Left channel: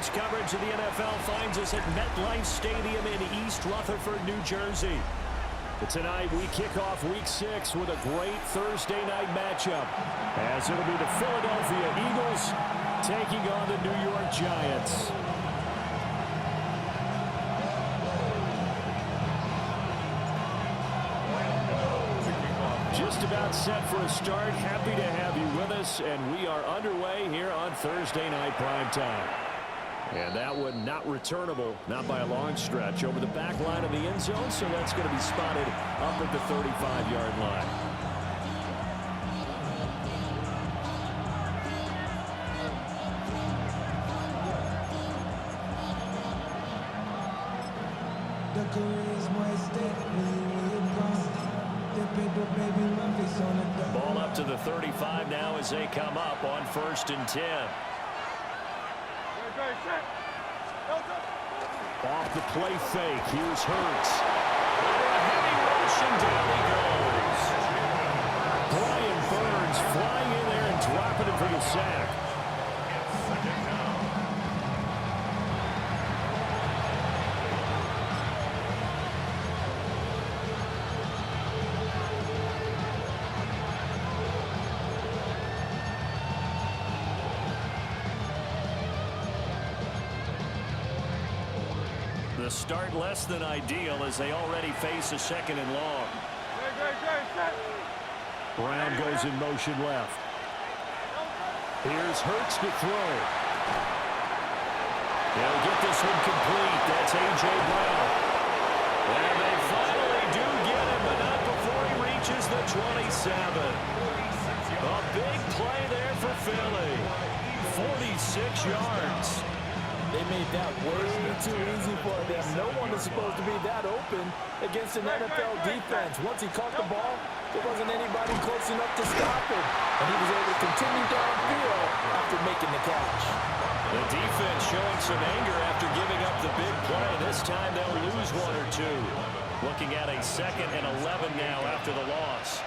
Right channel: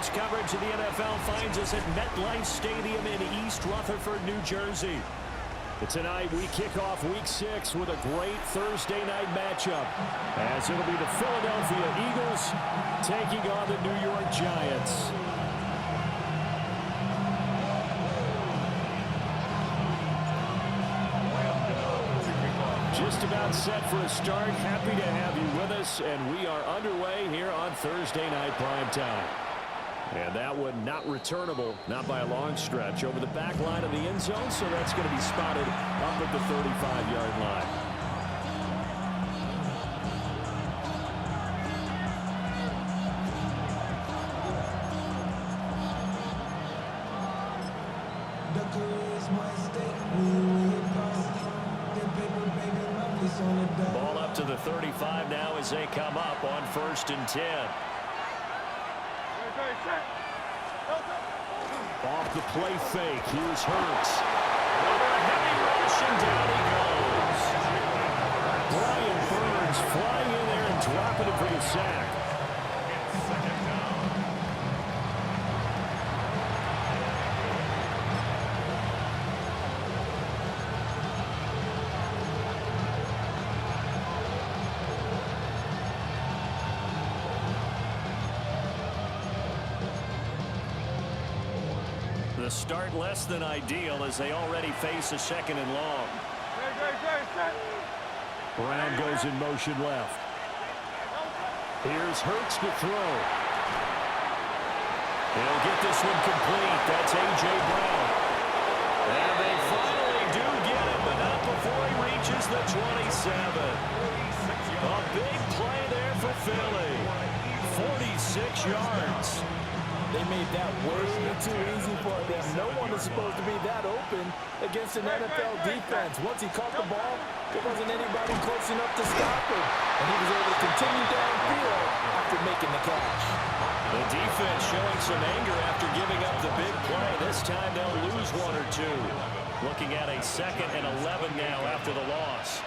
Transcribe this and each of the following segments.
Sports coverage of the NFL finds us at MetLife Stadium in East Rutherford, New Jersey. Tonight, we kick off Week 6 with a great Thursday night matchup, as it'll be the Philadelphia Eagles taking on the New York Giants. Just about set for a start. Happy to have you with us, and we are underway here on Thursday Night Primetime. And that one not returnable, not by a long stretch, over the back line of the end zone, so that's going to be spotted up at the 35-yard line. Ball up to the 35 now as they come up on 1st and 10. Off the play fake. Here's Hurts. Over a heavy rush, and down he goes. Brian Burns flying in there and dropping it for the sack. Second down. The start less than ideal as they already face a 2nd and long. Brown goes in motion left. Here's Hurts to throw. He'll get this one complete. That's A.J. Brown. And they finally do get him, but not before he reaches the 27. A big play there for Philly. 46 yards. They made that way too easy for them. No one is supposed to be that open against an NFL defense. Once he caught the ball, there wasn't anybody close enough to stop him. And he was able to continue downfield after making the catch. The defense showing some anger after giving up the big play. This time they'll lose 1 or 2. Looking at a 2nd and 11 now after the loss.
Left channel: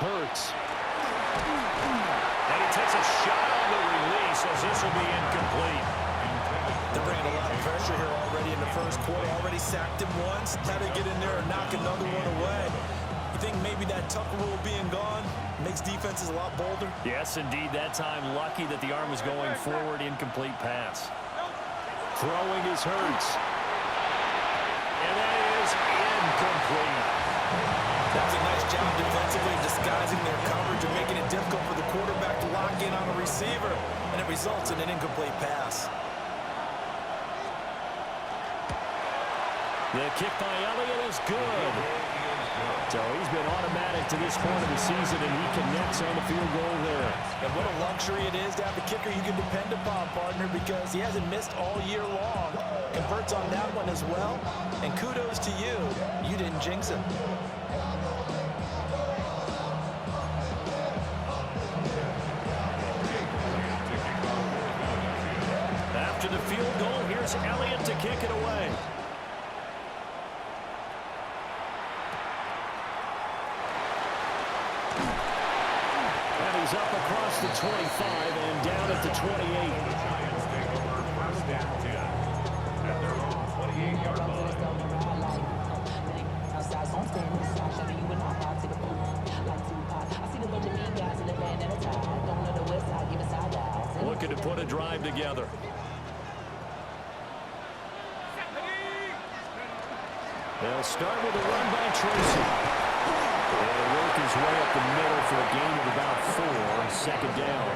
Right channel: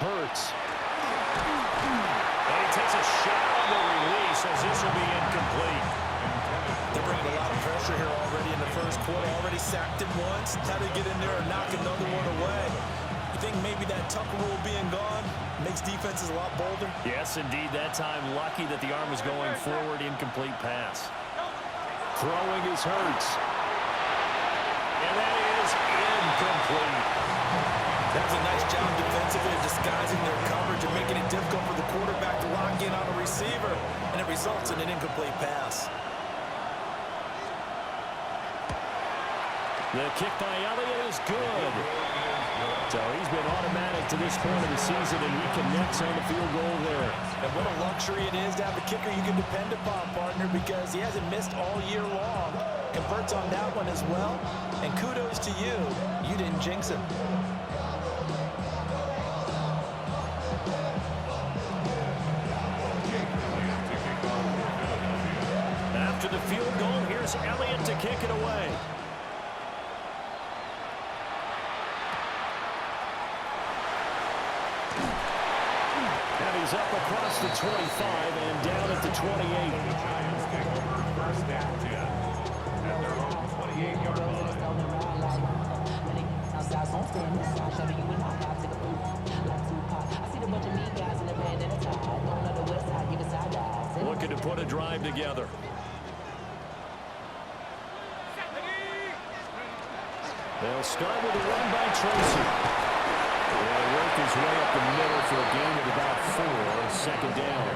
Hurts. And he takes a shot on the release as this will be incomplete. They're bringing a lot of pressure here already in the first quarter. Already sacked him once. How to get in there and knock another one away. You think maybe that Tucker rule being gone makes defenses a lot bolder? Yes, indeed. That time lucky that the arm was going forward. Incomplete pass. Throwing is Hurts. And that is incomplete. That was a nice job defensively of disguising their coverage and making it difficult for the quarterback to lock in on a receiver, and it results in an incomplete pass. The kick by Elliott is good. So he's been automatic to this point of the season, and he connects on the field goal there. And what a luxury it is to have a kicker you can depend upon, partner, because he hasn't missed all year long. Converts on that one as well, and kudos to you. You didn't jinx him. After the field goal, here's Elliott to kick it away. And he's up across the 25 and down at the 28. The Giants take over 1st and 10 at their own 28-yard line. Looking to put a drive together. They'll start with a run by Tracy. He'll work his way up the middle for a gain of about 4, 2nd down.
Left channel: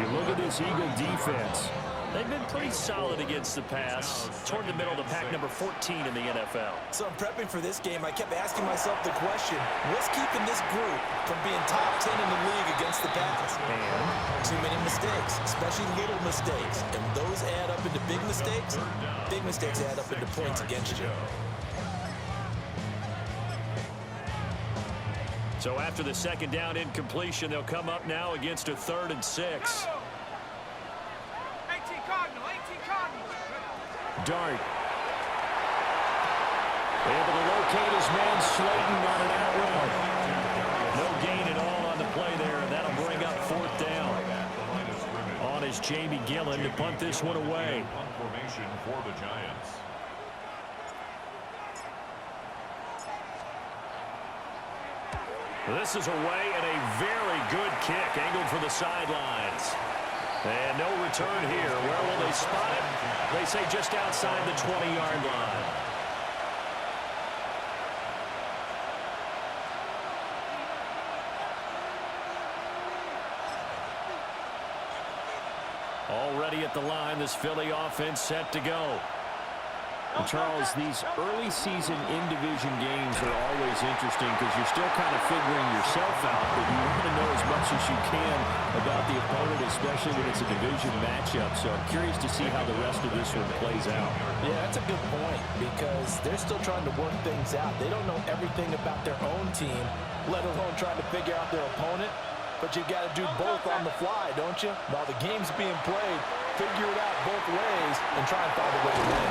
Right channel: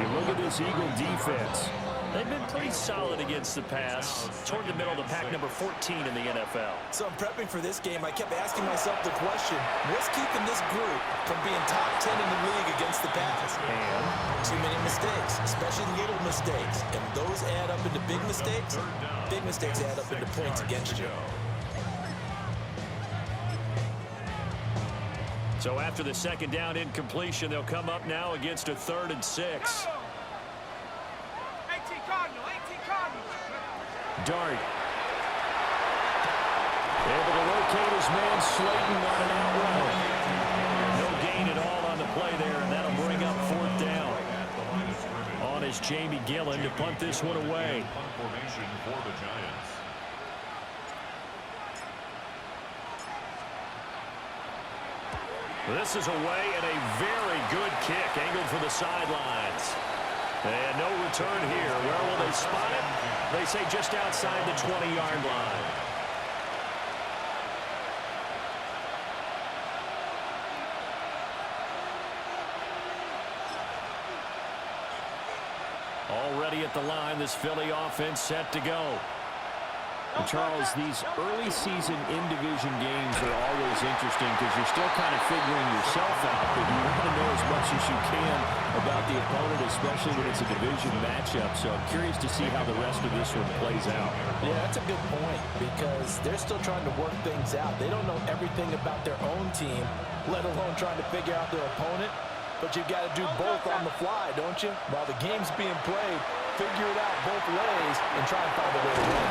You look at this Eagle defense. They've been pretty solid against the pass, toward the middle of the pack, number 14 in the NFL. So I'm prepping for this game. I kept asking myself the question, what's keeping this group from being top 10 in the league against the pass? And too many mistakes, especially little mistakes. And those add up into big mistakes. Big mistakes add up into points against you. so after the 2nd down incompletion, they'll come up now against a 3rd and 6. Dart. Able to locate his man Slayton on an out route. No gain at all on the play there, and that'll bring up 4th down. On is Jamie Gillen to punt this one away. Punt formation for the Giants. This is away and a very good kick angled for the sidelines. And no return here. Where will they spot it? They say just outside the 20-yard line. Already at the line, this Philly offense set to go. And Charles, these early season in-division games are always interesting because you're still kind of figuring yourself out, but you want to know as much as you can about the opponent, especially when it's a division matchup. So I'm curious to see how the rest of this one plays out. Yeah, that's a good point because they're still trying to work things out. They don't know everything about their own team, let alone trying to figure out their opponent. But you've got to do both on the fly, don't you? While the game's being played, figure it out both ways and try and find a way to win.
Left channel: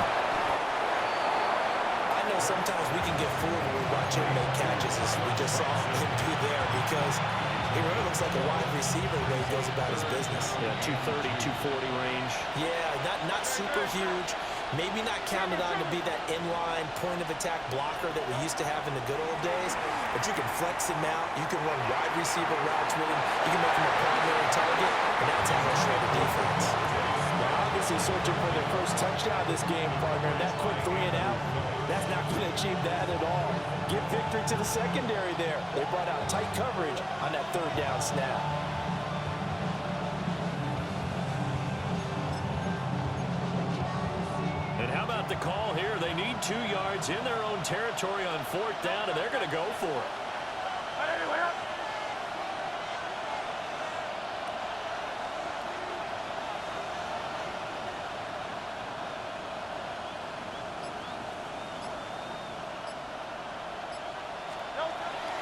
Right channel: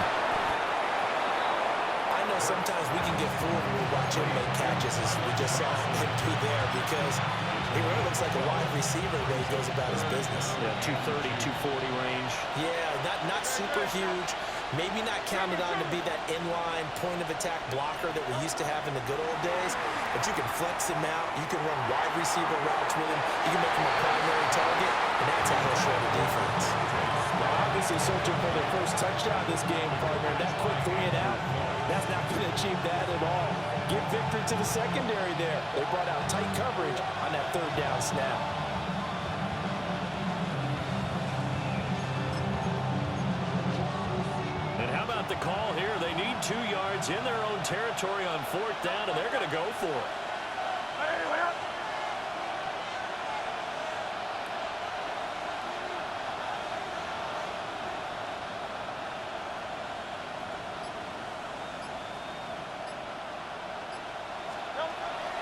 I know sometimes we can get fooled when we watch him make catches, as we just saw him do there, because he really looks like a wide receiver the way he goes about his business. Yeah, 230, 240 range. Yeah, not super huge. Maybe not counted on to be that inline point-of-attack blocker that we used to have in the good old days, but you can flex him out. You can run wide receiver routes with him. You can make him a primary target, and that's how he'll shred a defense. Now, obviously searching for their first touchdown this game, partner. That quick 3-and-out, that's not going to achieve that at all. Give victory to the secondary there. They brought out tight coverage on that 3rd down snap. And how about the call here? They need 2 yards in their own territory on 4th down, and they're going to go for it.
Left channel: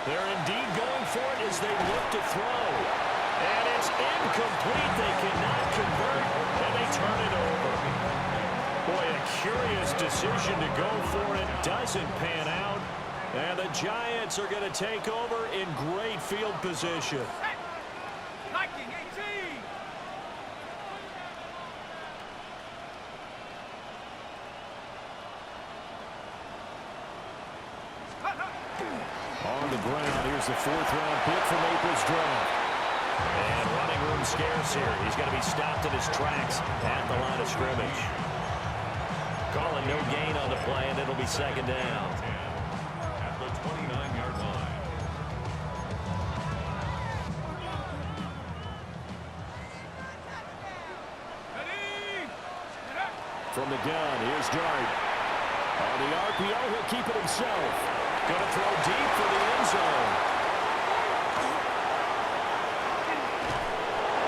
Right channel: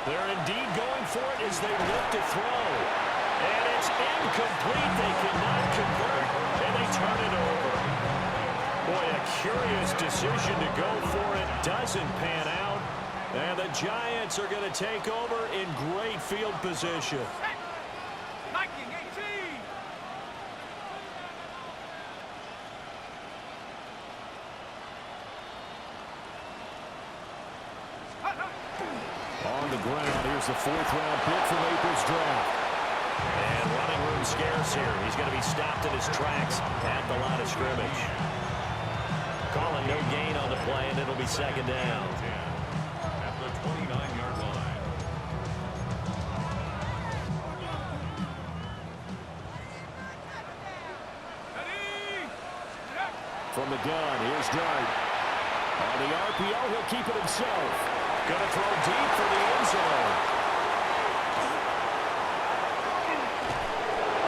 They're indeed going for it as they look to throw. And it's incomplete. They cannot convert, and they turn it over. Boy, a curious decision to go for it. Doesn't pan out. And the Giants are going to take over in great field position. On the ground, here's the 4th-round pick from April's draft. And running room scarce here. He's going to be stopped in his tracks at the line of scrimmage. Calling no gain on the play, and it'll be 2nd down. At the 29-yard line. From the gun, here's Dart. On the RPO, he'll keep it himself. Going to throw deep for the end zone.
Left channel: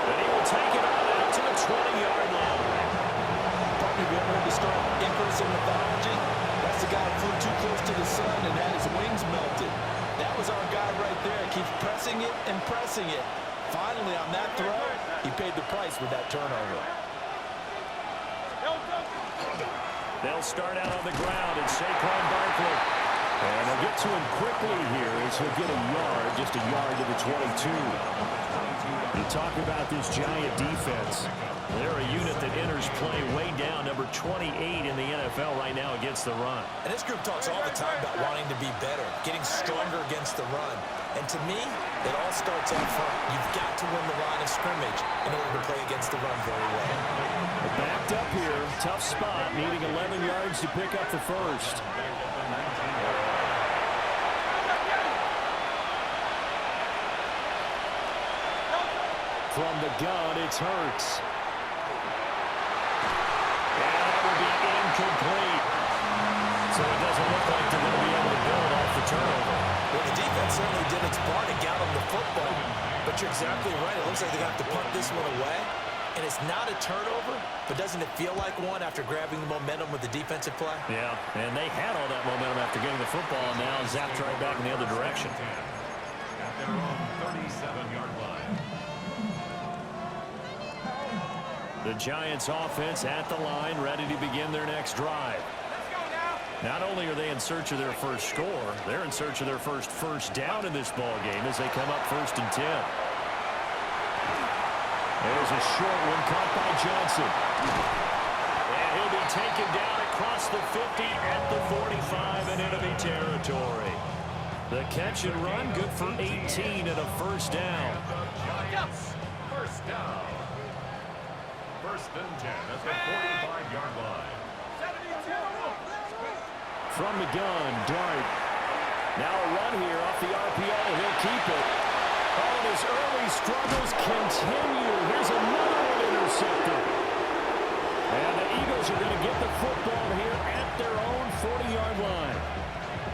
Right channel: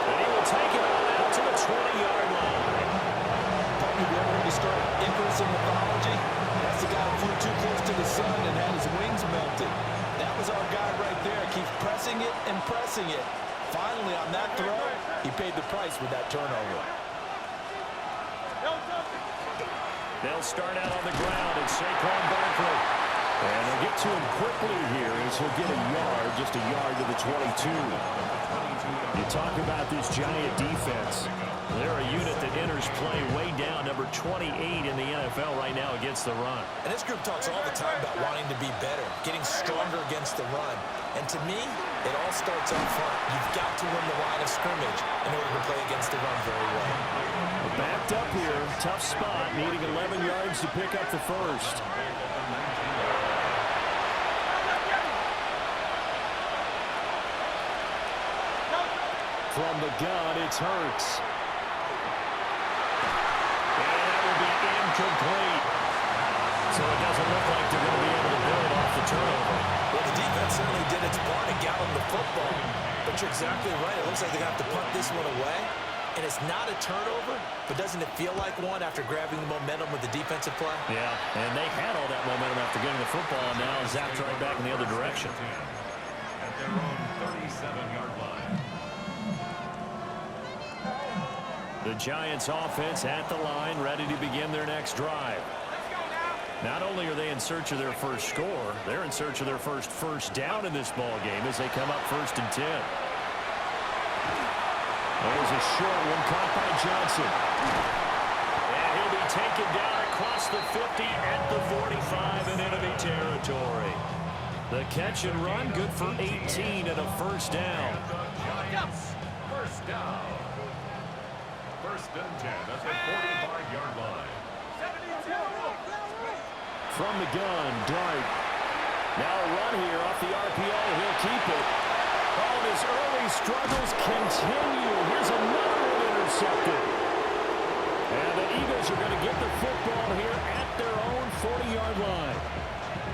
And he will take it on out to the 20-yard line. Partner, have you ever heard the story of Icarus in mythology? That's the guy who flew too close to the sun and had his wings melted. That was our guy right there. Keeps pressing it and pressing it. Finally, on that throw, he paid the price with that turnover. They'll start out on the ground, and Saquon Barkley. And they'll get to him quickly here as he'll get a yard, just a yard to the 22. You talk about this Giant defense. They're a unit that enters play way down, number 28 in the NFL right now against the run. And this group talks all the time about wanting to be better, getting stronger against the run. And to me, it all starts up front. You've got to win the line of scrimmage in order to play against the run very well. Backed up here, tough spot, needing 11 yards to pick up the first. From the gun, it's Hurts. And that will be incomplete. So it doesn't look like they're going to be able to build off the turnover. Well, the defense certainly did its part and got them the football. But you're exactly right. It looks like they're going to have to punt this one away. And it's not a turnover, but doesn't it feel like one after grabbing the momentum with the defensive play? Yeah, and they had all that momentum after getting the football, and now zapped right back in the other direction. At their own 37-yard line. The Giants offense at the line, ready to begin their next drive. Not only are they in search of their first score, they're in search of their first down in this ball game as they come up 1st and 10. There's a short one caught by Johnson. And he'll be taken down across the 50 at the 45 in enemy territory. The catch and run, good for 18 and a first down. Giants, first down. First and 10 at the 45-yard line. From the gun, Dart. Now a run here off the RPO. He'll keep it. Oh, and his early struggles continue. Here's another one intercepted. And the Eagles are going to get the football here at their own 40-yard line.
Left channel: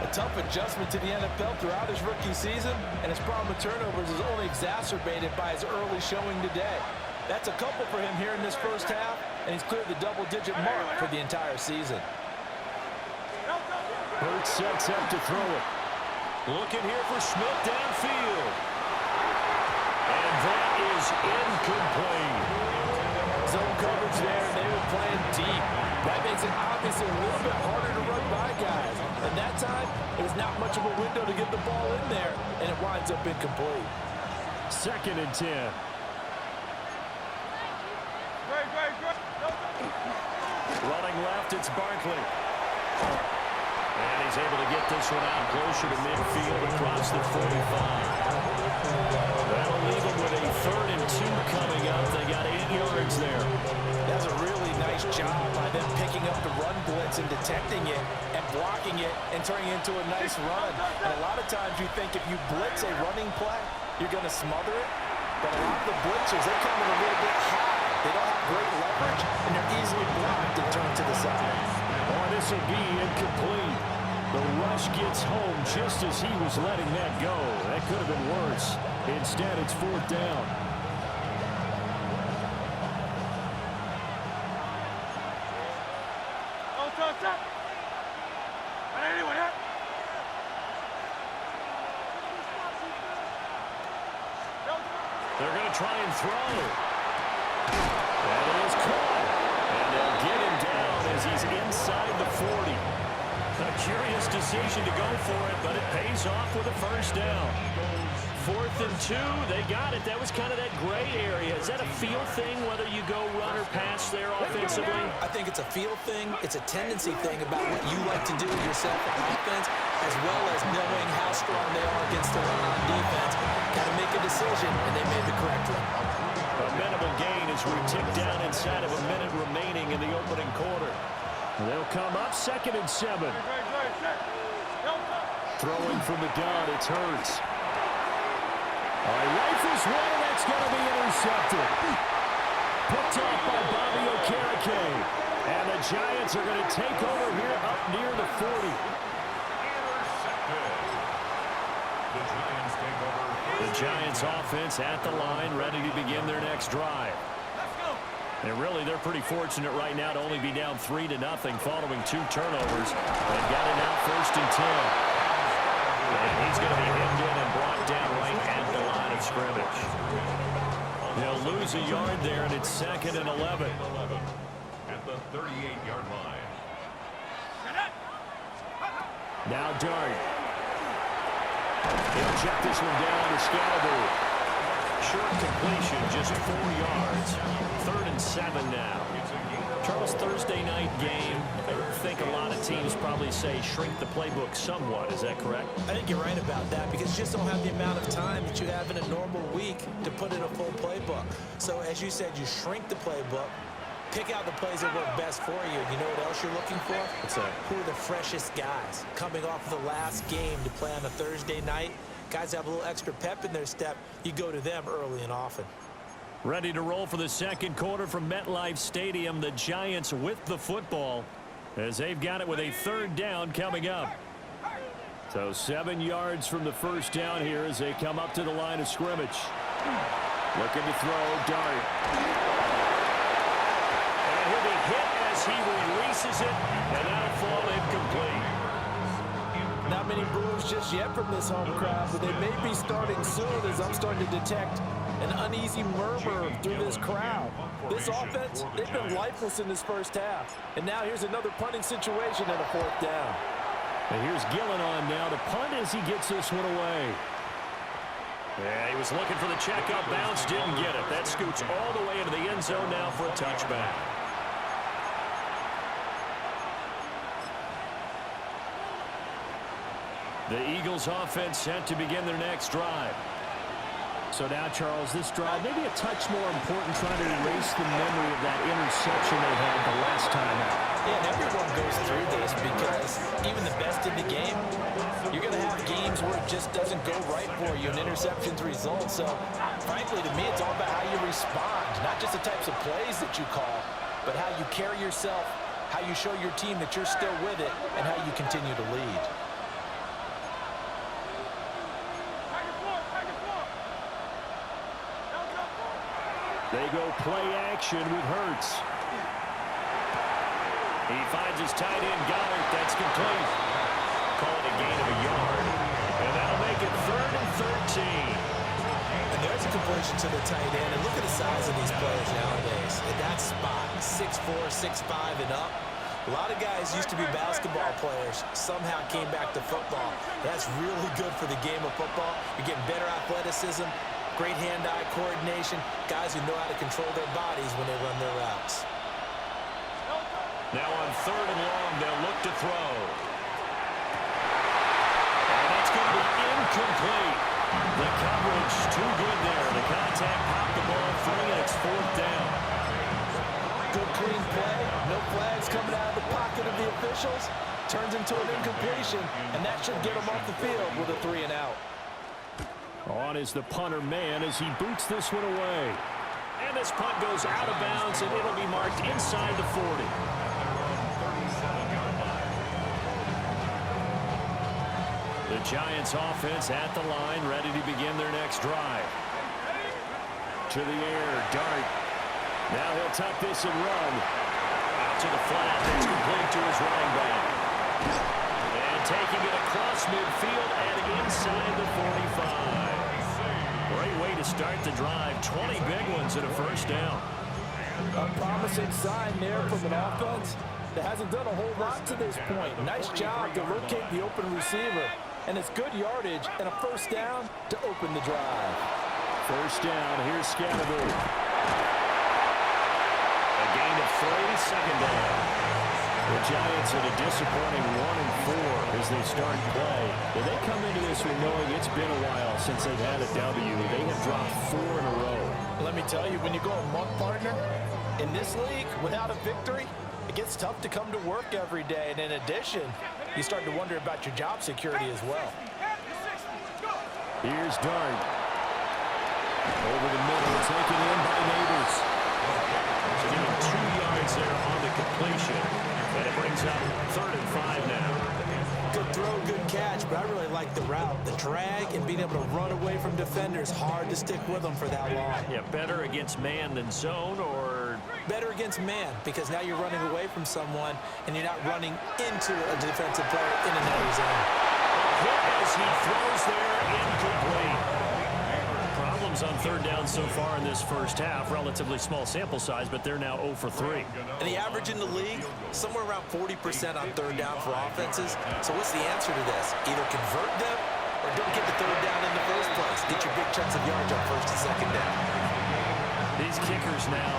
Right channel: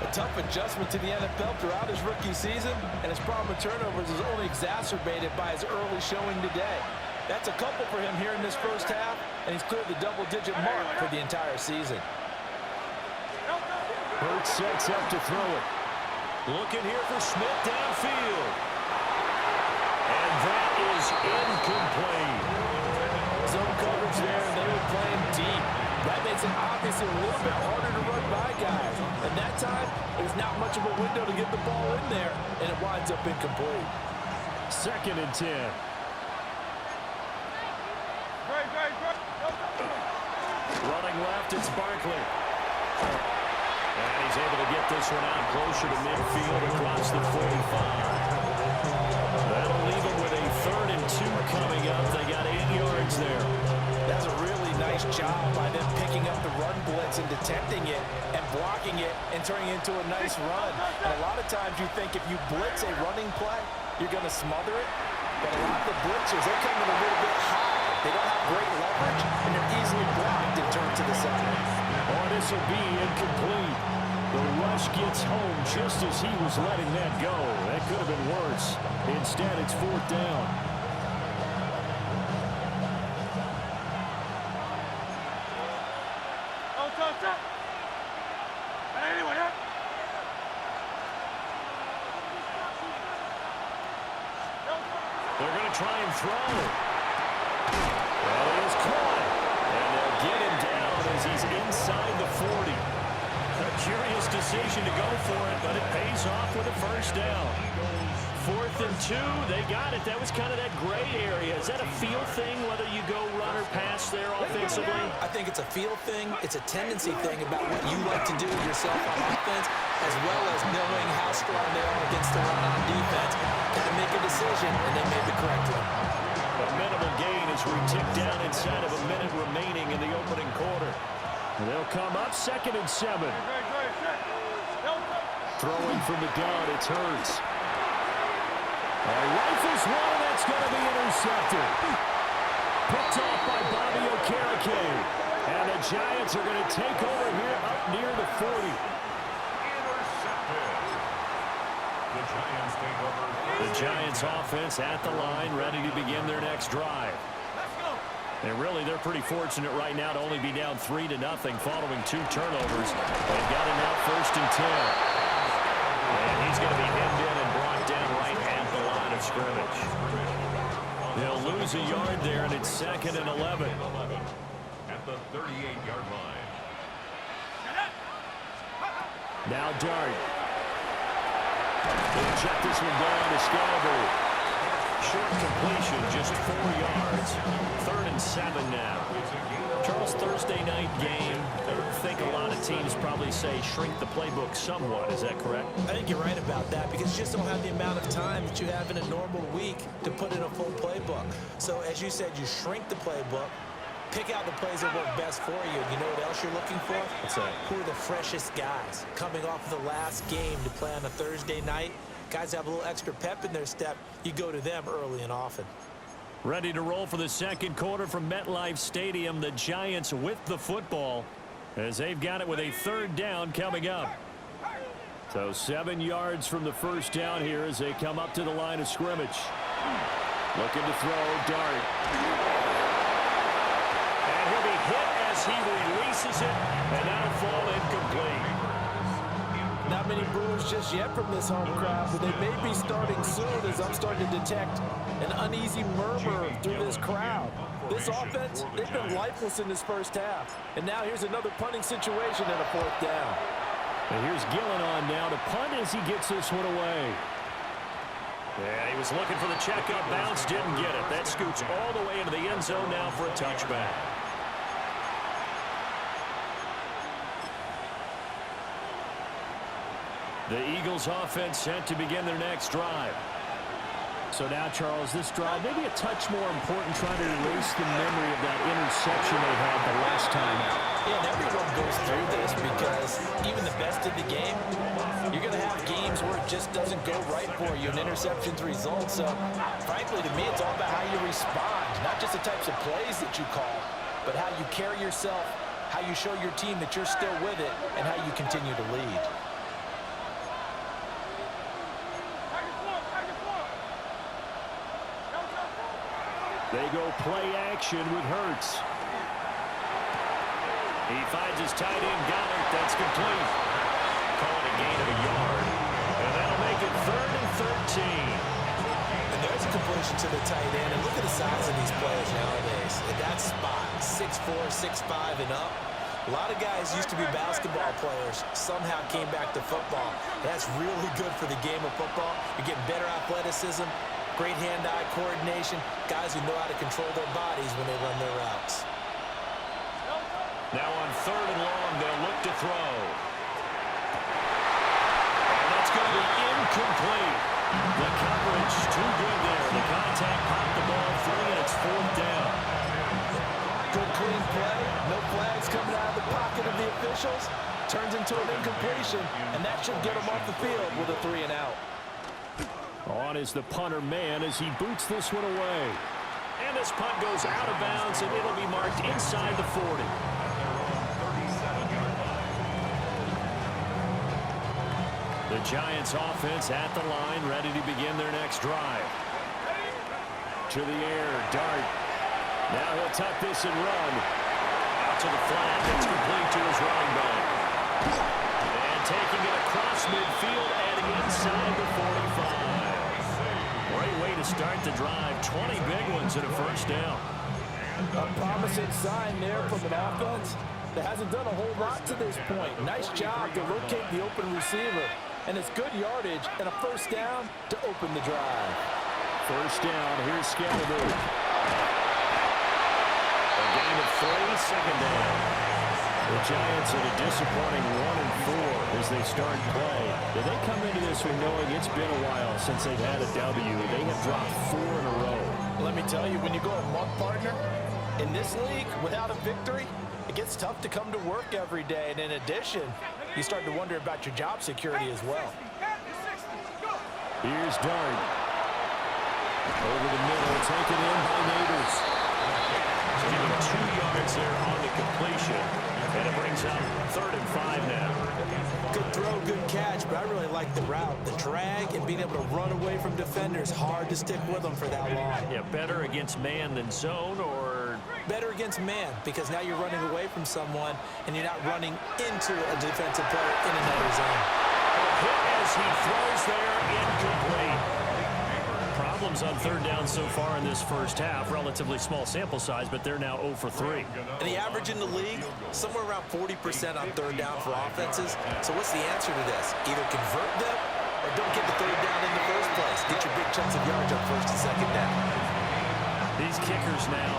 A tough adjustment to the NFL throughout his rookie season, and his problem with turnovers is only exacerbated by his early showing today. That's a couple for him here in this first half, and he's cleared the double-digit mark for the entire season. Hurts sets up to throw it. Looking here for Smith downfield. And that is incomplete. Zone coverage there, and they were playing deep. That makes it obviously a little bit harder to run by guys. And that time, it was not much of a window to get the ball in there, and it winds up incomplete. 2nd and 10. Running left, it's Barkley. And he's able to get this one out closer to midfield across the 45. That'll leave him with a 3rd and 2 coming up. They got 8 yards there. That's a really nice job by them picking up the run blitz and detecting it and blocking it and turning it into a nice run. And a lot of times you think if you blitz a running play, you're going to smother it. But a lot of the blitzers, they come in a little bit high. They don't have great leverage, and they're easily blocked and turned to the side. Oh, this will be incomplete. The rush gets home just as he was letting that go. That could have been worse. Instead, it's 4th down. They're going to try and throw. That is caught. And they'll get him down as he's inside the 40. A curious decision to go for it, but it pays off with a first down. 4th and 2, they got it. That was kind of that gray area. Is that a feel thing, whether you go run or pass there offensively? I think it's a feel thing. It's a tendency thing about what you like to do yourself on offense, as well as knowing how strong they are against the run on defense. Got to make a decision, and they made the correct one. A minimal gain as we tick down inside of a minute remaining in the opening quarter. They'll come up 2nd and 7. Throwing from the gun, it's Hurts. Rifles one, and that's going to be intercepted. Picked off by Bobby Okereke. And the Giants are going to take over here up near the 40. Intercepted. The Giants take over. The Giants offense at the line, ready to begin their next drive. And really, they're pretty fortunate right now to only be down 3-0 following 2 turnovers. They've got it now 1st and 10. And he's going to be hemmed in and brought down right at the line of scrimmage. They'll lose a yard there, and it's 2nd and 11. At the 38-yard line. Now Dart. He'll check this one down to Scalabrine. Short completion, just 4 yards. 3rd and 7 now. Charles, Thursday night game. I think a lot of teams probably say shrink the playbook somewhat. Is that correct? I think you're right about that because you just don't have the amount of time that you have in a normal week to put in a full playbook. So as you said, you shrink the playbook, pick out the plays that work best for you. And you know what else you're looking for? What's that? Who are the freshest guys coming off of the last game to play on a Thursday night? Guys have a little extra pep in their step. You go to them early and often. Ready to roll for the 2nd quarter from MetLife Stadium. The Giants with the football as they've got it with a 3rd down coming up. So 7 yards from the first down here as they come up to the line of scrimmage. Looking to throw, Dart. And he'll be hit as he releases it, and that'll fall incomplete. Not many boos just yet from this home crowd, but they may be starting soon as I'm starting to detect an uneasy murmur through this crowd. This offense, they've been lifeless in this first half. And now here's another punting situation and a 4th down. And here's Gillen on now to punt as he gets this one away. Yeah, he was looking for the checkup bounce, didn't get it. That scoots all the way into the end zone now for a touchback. The Eagles offense set to begin their next drive. So now, Charles, this drive maybe a touch more important, trying to erase the memory of that interception they had the last time out. Yeah, and everyone goes through this because even the best in the game, you're going to have games where it just doesn't go right for you and interceptions result. So, frankly, to me, it's all about how you respond, not just the types of plays that you call, but how you carry yourself, how you show your team that you're still with it, and how you continue to lead. They go play action with Hurts. He finds his tight end, Goddard. That's complete. Call it a gain of a yard. And that'll make it 3rd and 13. And there's a completion to the tight end. And look at the size of these players nowadays. At that spot, 6'4", 6'5", and up. A lot of guys used to be basketball players, somehow came back to football. That's really good for the game of football. You're getting better athleticism, great hand-eye coordination, guys who know how to control their bodies when they run their routes. Now on 3rd and long, they'll look to throw. And that's going to be incomplete. The coverage too good there. The contact popped the ball free, and it's 4th down. Good clean play, no flags coming out of the pocket of the officials. Turns into an incompletion, and that should get him off the field with a 3 and out. On is the punter man as he boots this one away. And this punt goes out of bounds, and it'll be marked inside the 40. The Giants offense at the line, ready to begin their next drive. To the air, Dart. Now he'll tuck this and run. Out to the flat, that's complete to his running back. And taking it across midfield and inside the 45. Great way to start the drive. 20 big ones and a 1st down. A promising sign there from an offense that hasn't done a whole lot to this point. Nice job to locate the open receiver. And it's good yardage and a 1st down to open the drive. 1st down, here's Scatterby. A gain of 3, 2nd down. The Giants at a disappointing 1-4 as they start play. They come into this one knowing it's been a while since they've had a W. They have dropped 4 in a row. Let me tell you, when you go a month, partner, in this league, without a victory, it gets tough to come to work every day. And in addition, you start to wonder about your job security as well. Here's Dart. Over the middle, taken in by Neighbors. Give him 2 yards there on the completion. And it brings up 3rd and 5 now. Good throw, good catch, but I really like the route. The drag and being able to run away from defenders, hard to stick with them for that long. Yeah, better against man than zone, or? Better against man, because now you're running away from someone and you're not running into a defensive player in another zone. Hit as he throws there, incomplete. Problems on 3rd down so far in this 1st half. Relatively small sample size, but they're now 0 for 3. And the average in the league, somewhere around 40% on 3rd down for offenses. So what's the answer to this? Either convert them or don't get the 3rd down in the first place. Get your big chunks of yards up 1st and 2nd down. These kickers now,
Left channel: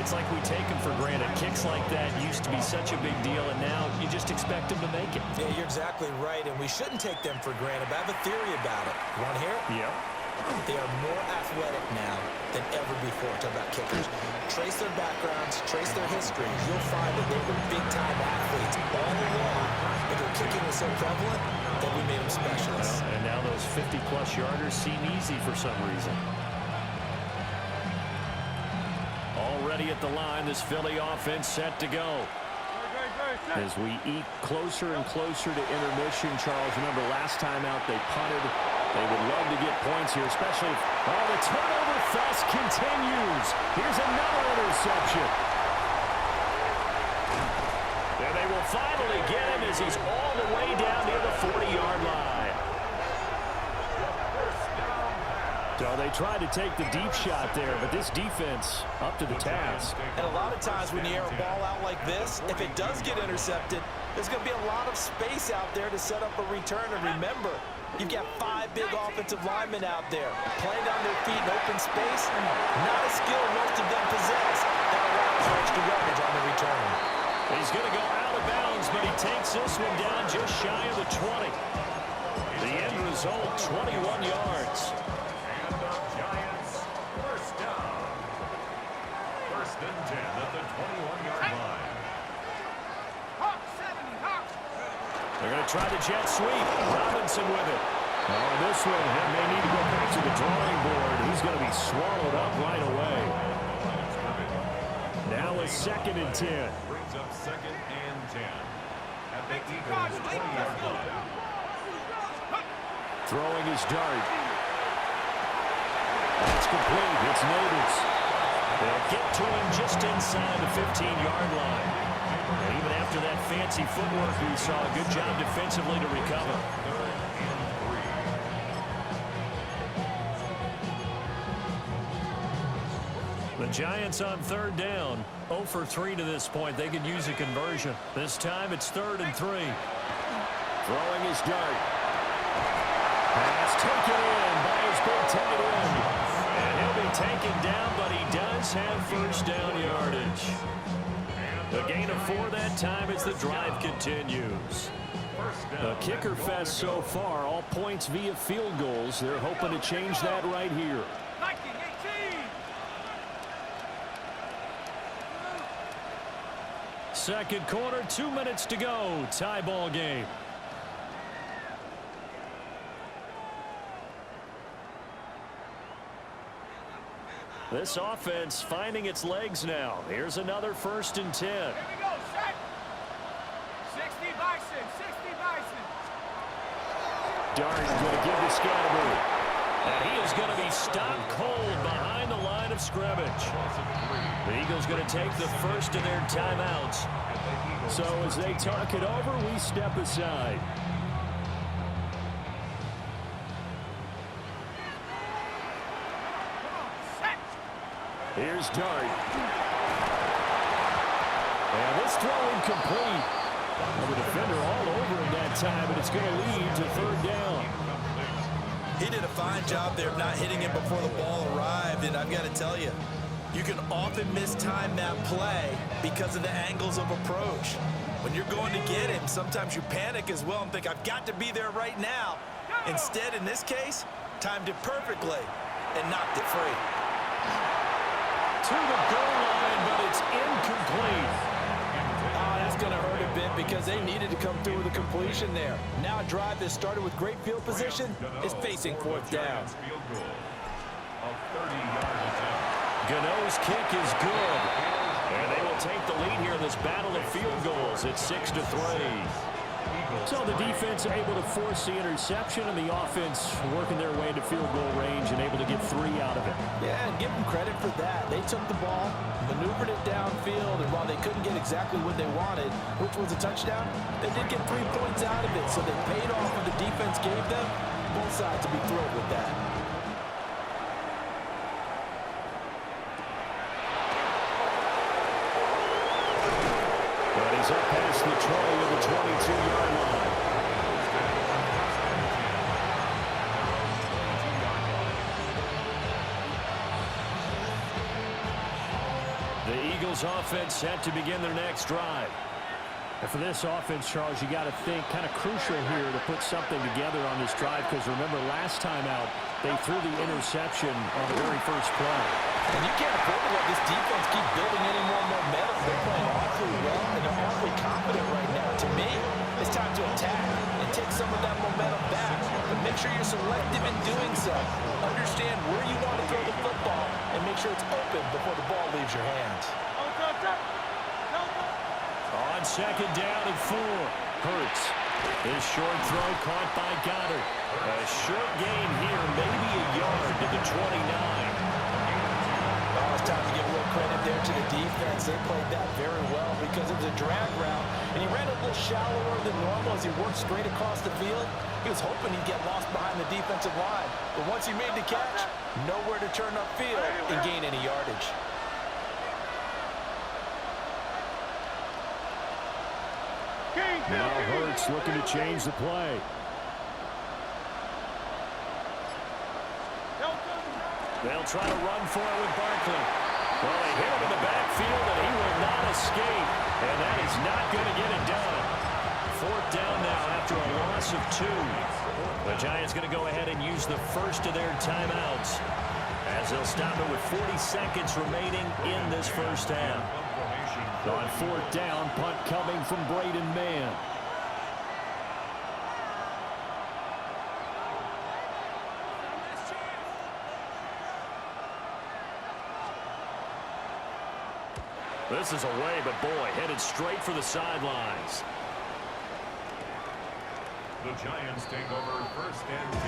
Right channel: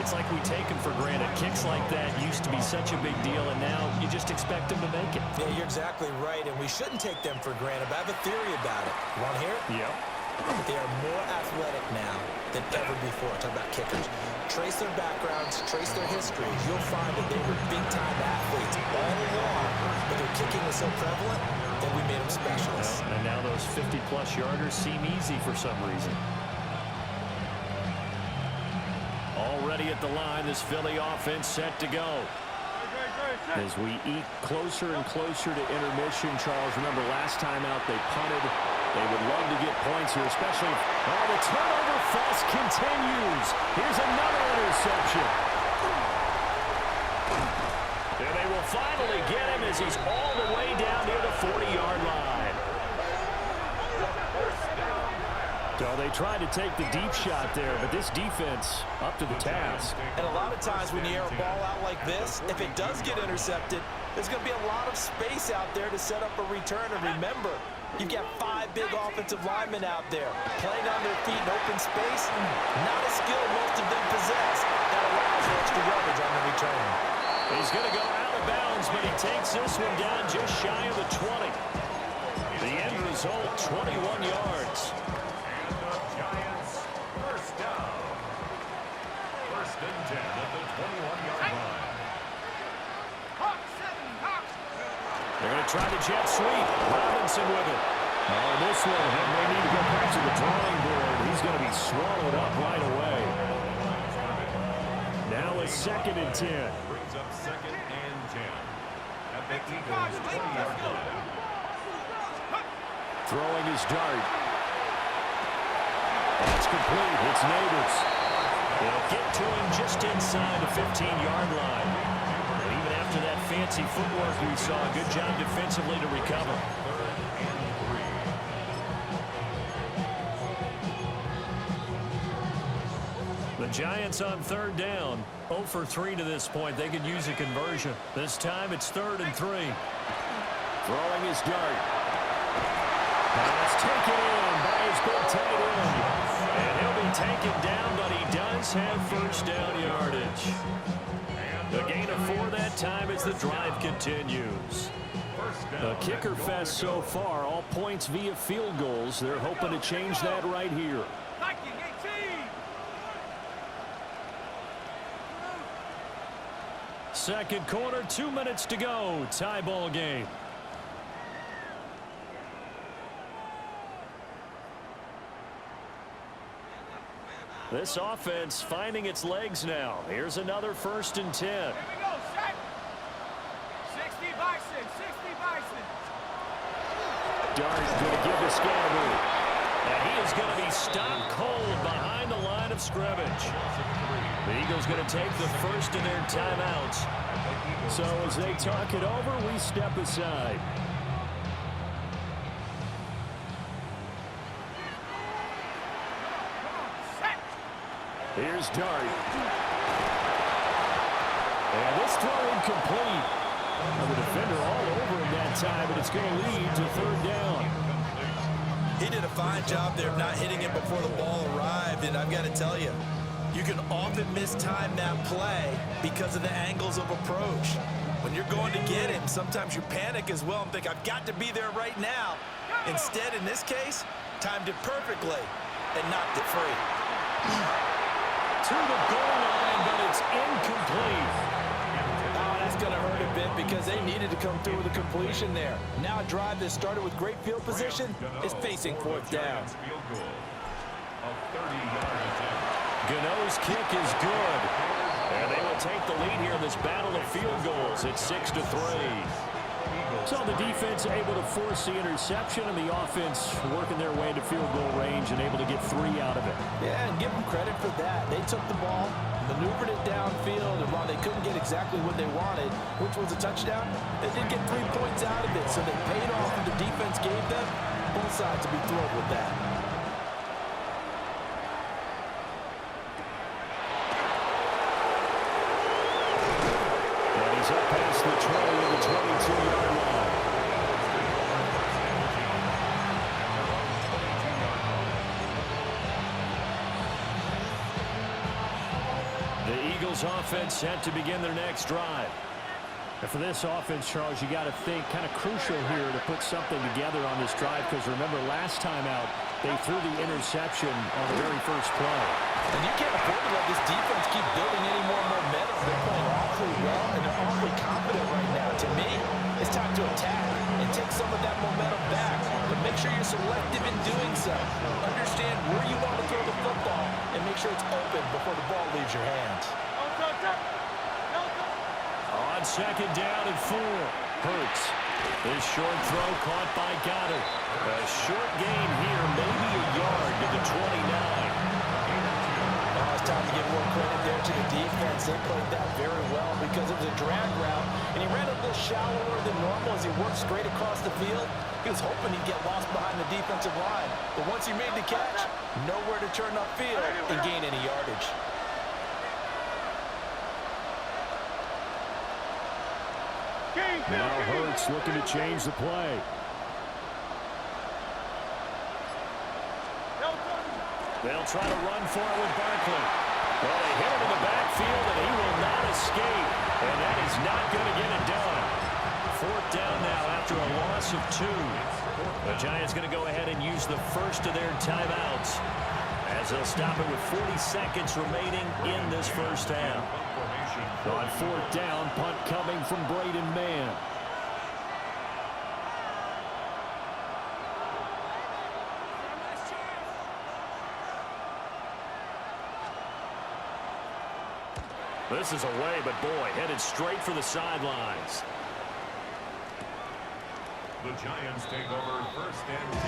it's like we take them for granted. Kicks like that used to be such a big deal, and now you just expect them to make it. Yeah, you're exactly right, and we shouldn't take them for granted, but I have a theory about it. You want to hear it? Yep. They are more athletic now than ever before. Talk about kickers. Trace their backgrounds, trace their histories. You'll find that they were big-time athletes all along, but their kicking was so prevalent that we made them specialists. Well, and now those 50-plus yarders seem easy for some reason. Already at the line, this Philly offense set to go. As we eat closer and closer to intermission, Charles, remember last time out they punted. They would love to get points here, especially if, the turnover fest continues. Here's another interception. There they will finally get him as he's all the way down near the 40-yard line. So they tried to take the deep shot there, but this defense up to the task. And a lot of times when you air a ball out like this, if it does get intercepted, there's going to be a lot of space out there to set up a return. And remember, You've got 5 big offensive linemen out there playing on their feet in open space. Not a skill most of them possess. That allows for extra yardage on the return. He's going to go out of bounds, but he takes this one down just shy of the 20. The end result, 21 yards. And the Giants, first down. First and 10 at the 21-yard line. They're going to try the jet sweep. Robinson with it. Oh, this one may need to go back to the drawing board. He's going to be swallowed up right away. Now a 2nd and 10. Brings up 2nd and 10 at the Eagles' 20-yard line. Throwing his dart. That's complete. It's Neighbors. They'll get to him just inside the 15-yard line. And even after that fancy footwork we saw, a good job defensively to recover. 3rd and 3. The Giants on 3rd down. 0 for 3 to this point. They could use a conversion. This time it's 3rd and 3. Throwing his dart. Pass taken in by his big tight end. And he'll be taken down, but he does have first down yardage. A gain of 4 that time as the drive continues. A kicker fest so far, all points via field goals. They're hoping to change that right here. Second quarter, 2 minutes to go. Tie ball game. This offense finding its legs now. Here's another 1st and 10. Here we go, set. 60 Bison, 60 Bison. Dart going to give to Scatterbury. And he is going to be stopped cold behind the line of scrimmage. The Eagles going to take the first of their timeouts. So as they talk it over, we step aside. Here's Dart. And this throw incomplete. The defender all over him that time, but it's going to lead to 3rd down. He did a fine job there of not hitting him before the ball arrived, and I've got to tell you, you can often mistime that play because of the angles of approach. When you're going to get him, sometimes you panic as well and think, I've got to be there right now. Instead, in this case, timed it perfectly and knocked it free. To the goal line, but it's incomplete. Oh, that's going to hurt a bit because they needed to come through with a completion there. Now a drive that started with great field position is facing 4th down. Field goal. A 30-yard attempt. Gano's kick is good. And they will take the lead here in this battle of field goals. It's 6-3. So the defense able to force the interception, and the offense working their way into field goal range and able to get 3 out of it. Yeah, and give them credit for that. They took the ball, maneuvered it downfield, and while they couldn't get exactly what they wanted, which was a touchdown, they did get 3 points out of it, so they paid off what the defense gave them. Both sides will be thrilled with that. And he's up past the 20 to the 22-yard line. The Eagles offense set to begin their next drive. And for this offense, Charles, you got to think kind of crucial here to put something together on this drive, because remember last time out they threw the interception on the very first play. And you can't afford to let this defense keep building any more momentum. They're playing awfully well, and they're awfully confident right now. To me, it's time to attack and take some of that momentum back. But make sure you're selective in doing so. Understand where you want to throw the football, and make sure it's open before the ball leaves your hands. On 2nd down and 4. Hurts. This short throw caught by Goddard. A short gain here, maybe a yard to the 29. Oh, it's time to give more credit there to the defense. They played that very well because it was a drag route, and he ran a little shallower than normal as he worked straight across the field. He was hoping he'd get lost behind the defensive line, but once he made the catch, nowhere to turn upfield and gain any yardage. Now Hurts looking to change the play. They'll try to run for it with Barkley. Well, they hit him in the backfield, and he will not escape. And that is not going to get it done. Fourth down now after a loss of 2. The Giants going to go ahead and use the first of their timeouts, as they'll stop it with 40 seconds remaining in this first half. On fourth down, punt coming from Braden Mann. This is away, but boy, headed straight for the sidelines. The Giants take over first and 10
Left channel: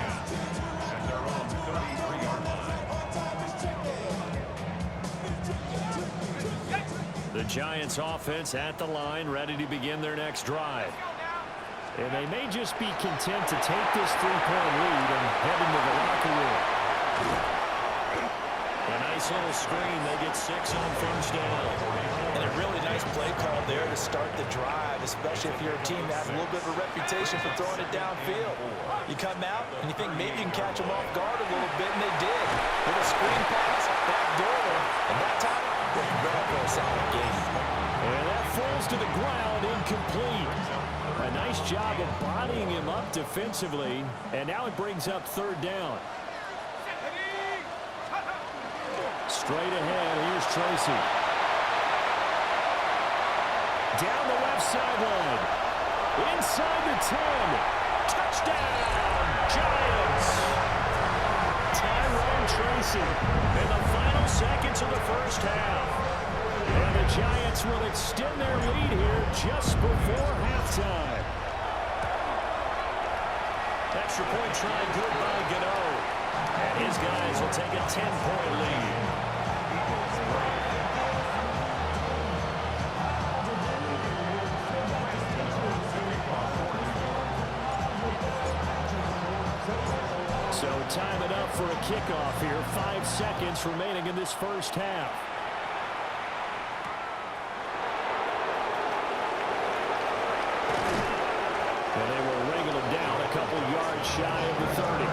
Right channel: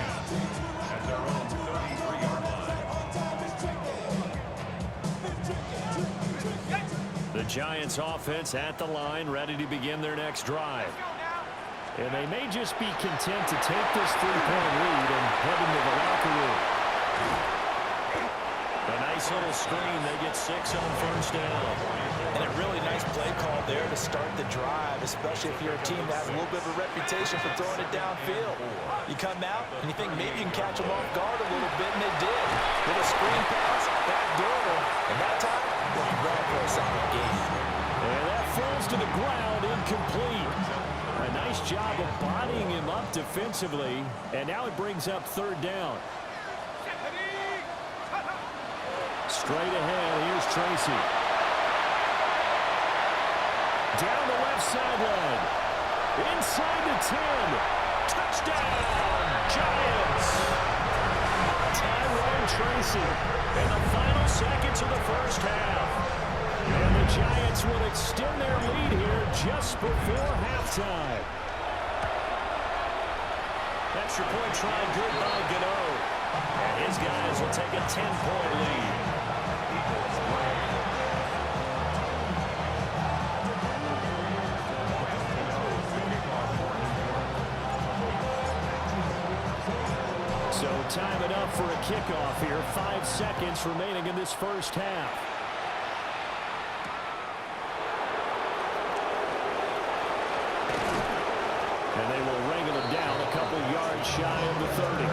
at their own 33-yard line. The Giants offense at the line, ready to begin their next drive. And they may just be content to take this 3-point lead and head into the locker room. A nice little screen. They get 6 on first down. And a really nice play call there to start the drive, especially if you're a team that has a little bit of a reputation for throwing it downfield. You come out and you think maybe you can catch them off guard a little bit, and they did. Little screen pass, backdoor them, and that time, worked well for a solid game. And that falls to the ground, incomplete. A nice job of bodying him up defensively, and now it brings up third down. Straight ahead, here's Tracy. Down the left sideline. Inside the 10. Touchdown, Giants. Tyrone Tracy in the final seconds of the first half. And the Giants will extend their lead here just before halftime. Extra point try good by Gano. And his guys will take a 10-point lead. So time it up for a kickoff here. 5 seconds remaining in this first half. And they will wrangle it down a couple yards shy of the 30.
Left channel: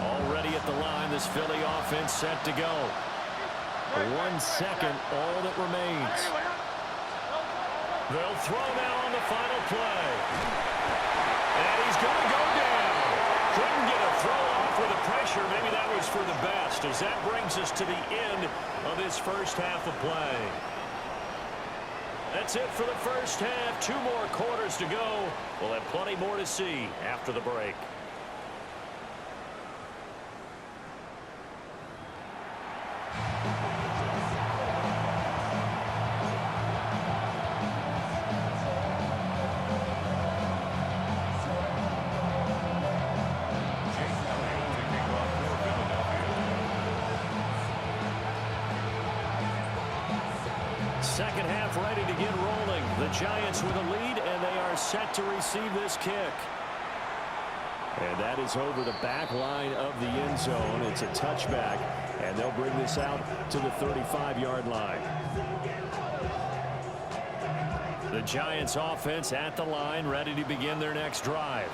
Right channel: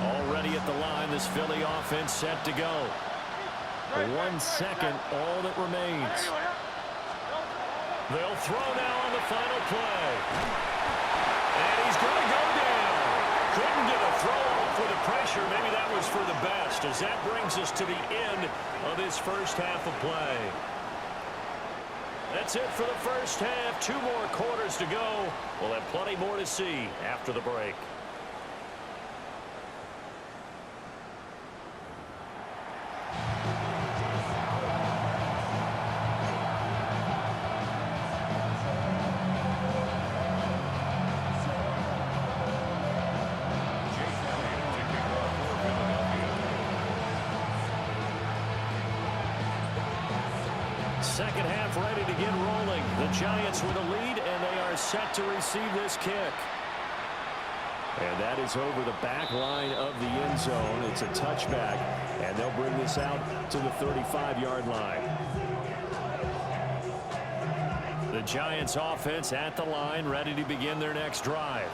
Already at the line, this Philly offense set to go. 1 second, all that remains. They'll throw now on the final play. And he's going to go down. Couldn't get a throw off with the pressure. Maybe that was for the best, as that brings us to the end of this first half of play. That's it for the first half. 2 more quarters to go. We'll have plenty more to see after the break. Second half ready to get rolling. The Giants with a lead, and they are set to receive this kick. And that is over the back line of the end zone. It's a touchback, and they'll bring this out to the 35-yard line. The Giants offense at the line, ready to begin their next drive.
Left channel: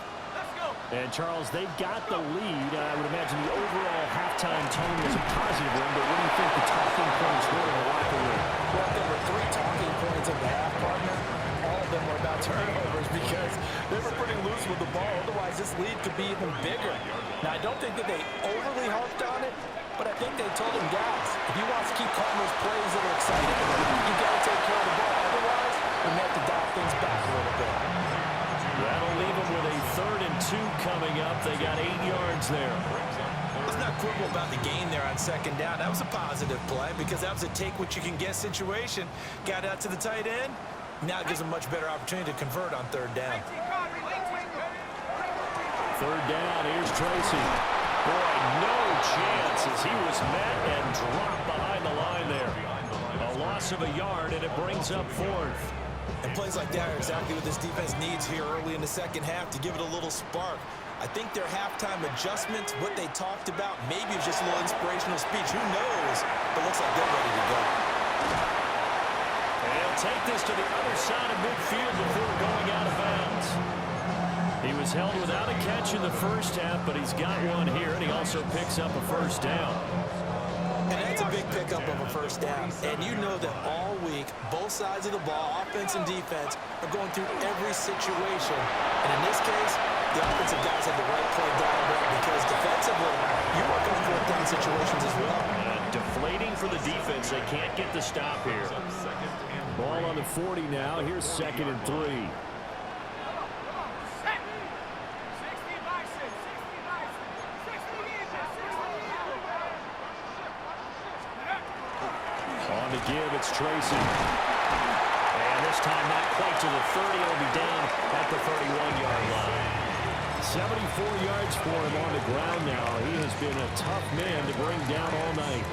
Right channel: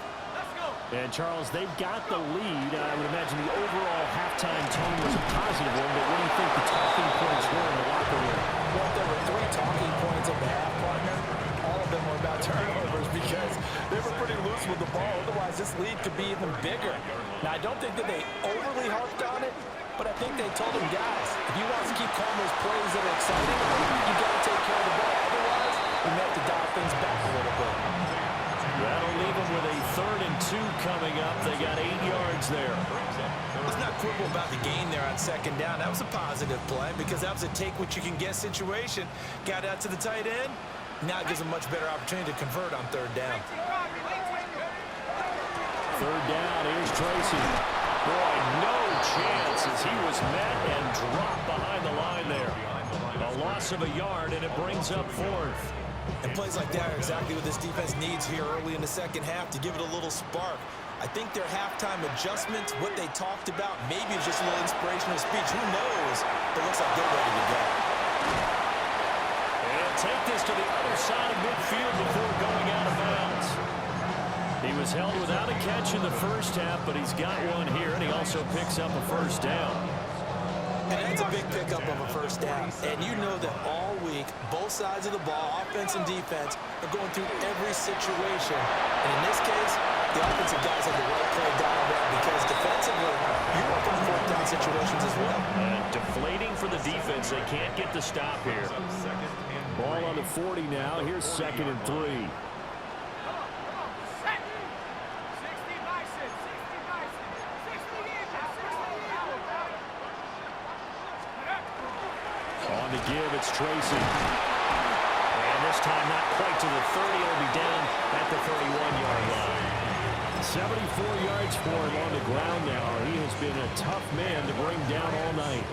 And, Charles, they've got the lead. I would imagine the overall halftime tone was a positive one, but what do you think the talking points were in the locker room? Well, there were 3 talking points at the half, partner. All of them were about turnovers because they were pretty loose with the ball. Otherwise, this lead could be even bigger. Now, I don't think that they overly harped on it, but I think they told them, guys, if you want to keep calling those plays that are exciting, you got to take care of the ball. Otherwise, we may have to dial things back a little bit. That'll leave them with a 3rd and 2 coming up. They got 8 yards there. Let's not quibble about the gain there on second down. That was a positive play because that was a take-what-you-can-get situation. Got out to the tight end. Now it gives them a much better opportunity to convert on 3rd down. 3rd down, here's Tracy. Boy, no chance as he was met and dropped behind the line there. A loss of a yard, and it brings up 4th. And plays like that are exactly what this defense needs here early in the second half to give it a little spark. I think their halftime adjustments, what they talked about, maybe it's just a little inspirational speech. Who knows? But it looks like they're ready to go. He'll take this to the other side of midfield before going out of bounds. He was held without a catch in the first half, but he's got one here, and he also picks up a first down. And that's a big pickup of a first down. And you know that all week, both sides of the ball, offense and defense, are going through every situation. And in this case, the offensive guys had the right play dialed up because defensively, you work on fourth down situations as well. And deflating for the defense. They can't get the stop here. Ball on the 40 now. Here's 2nd and 3. On the give, it's Tracy. And this time not quite to the 30. It'll be down at the 31-yard line. 74 yards for him on the ground now. He has been a tough man to bring down all night.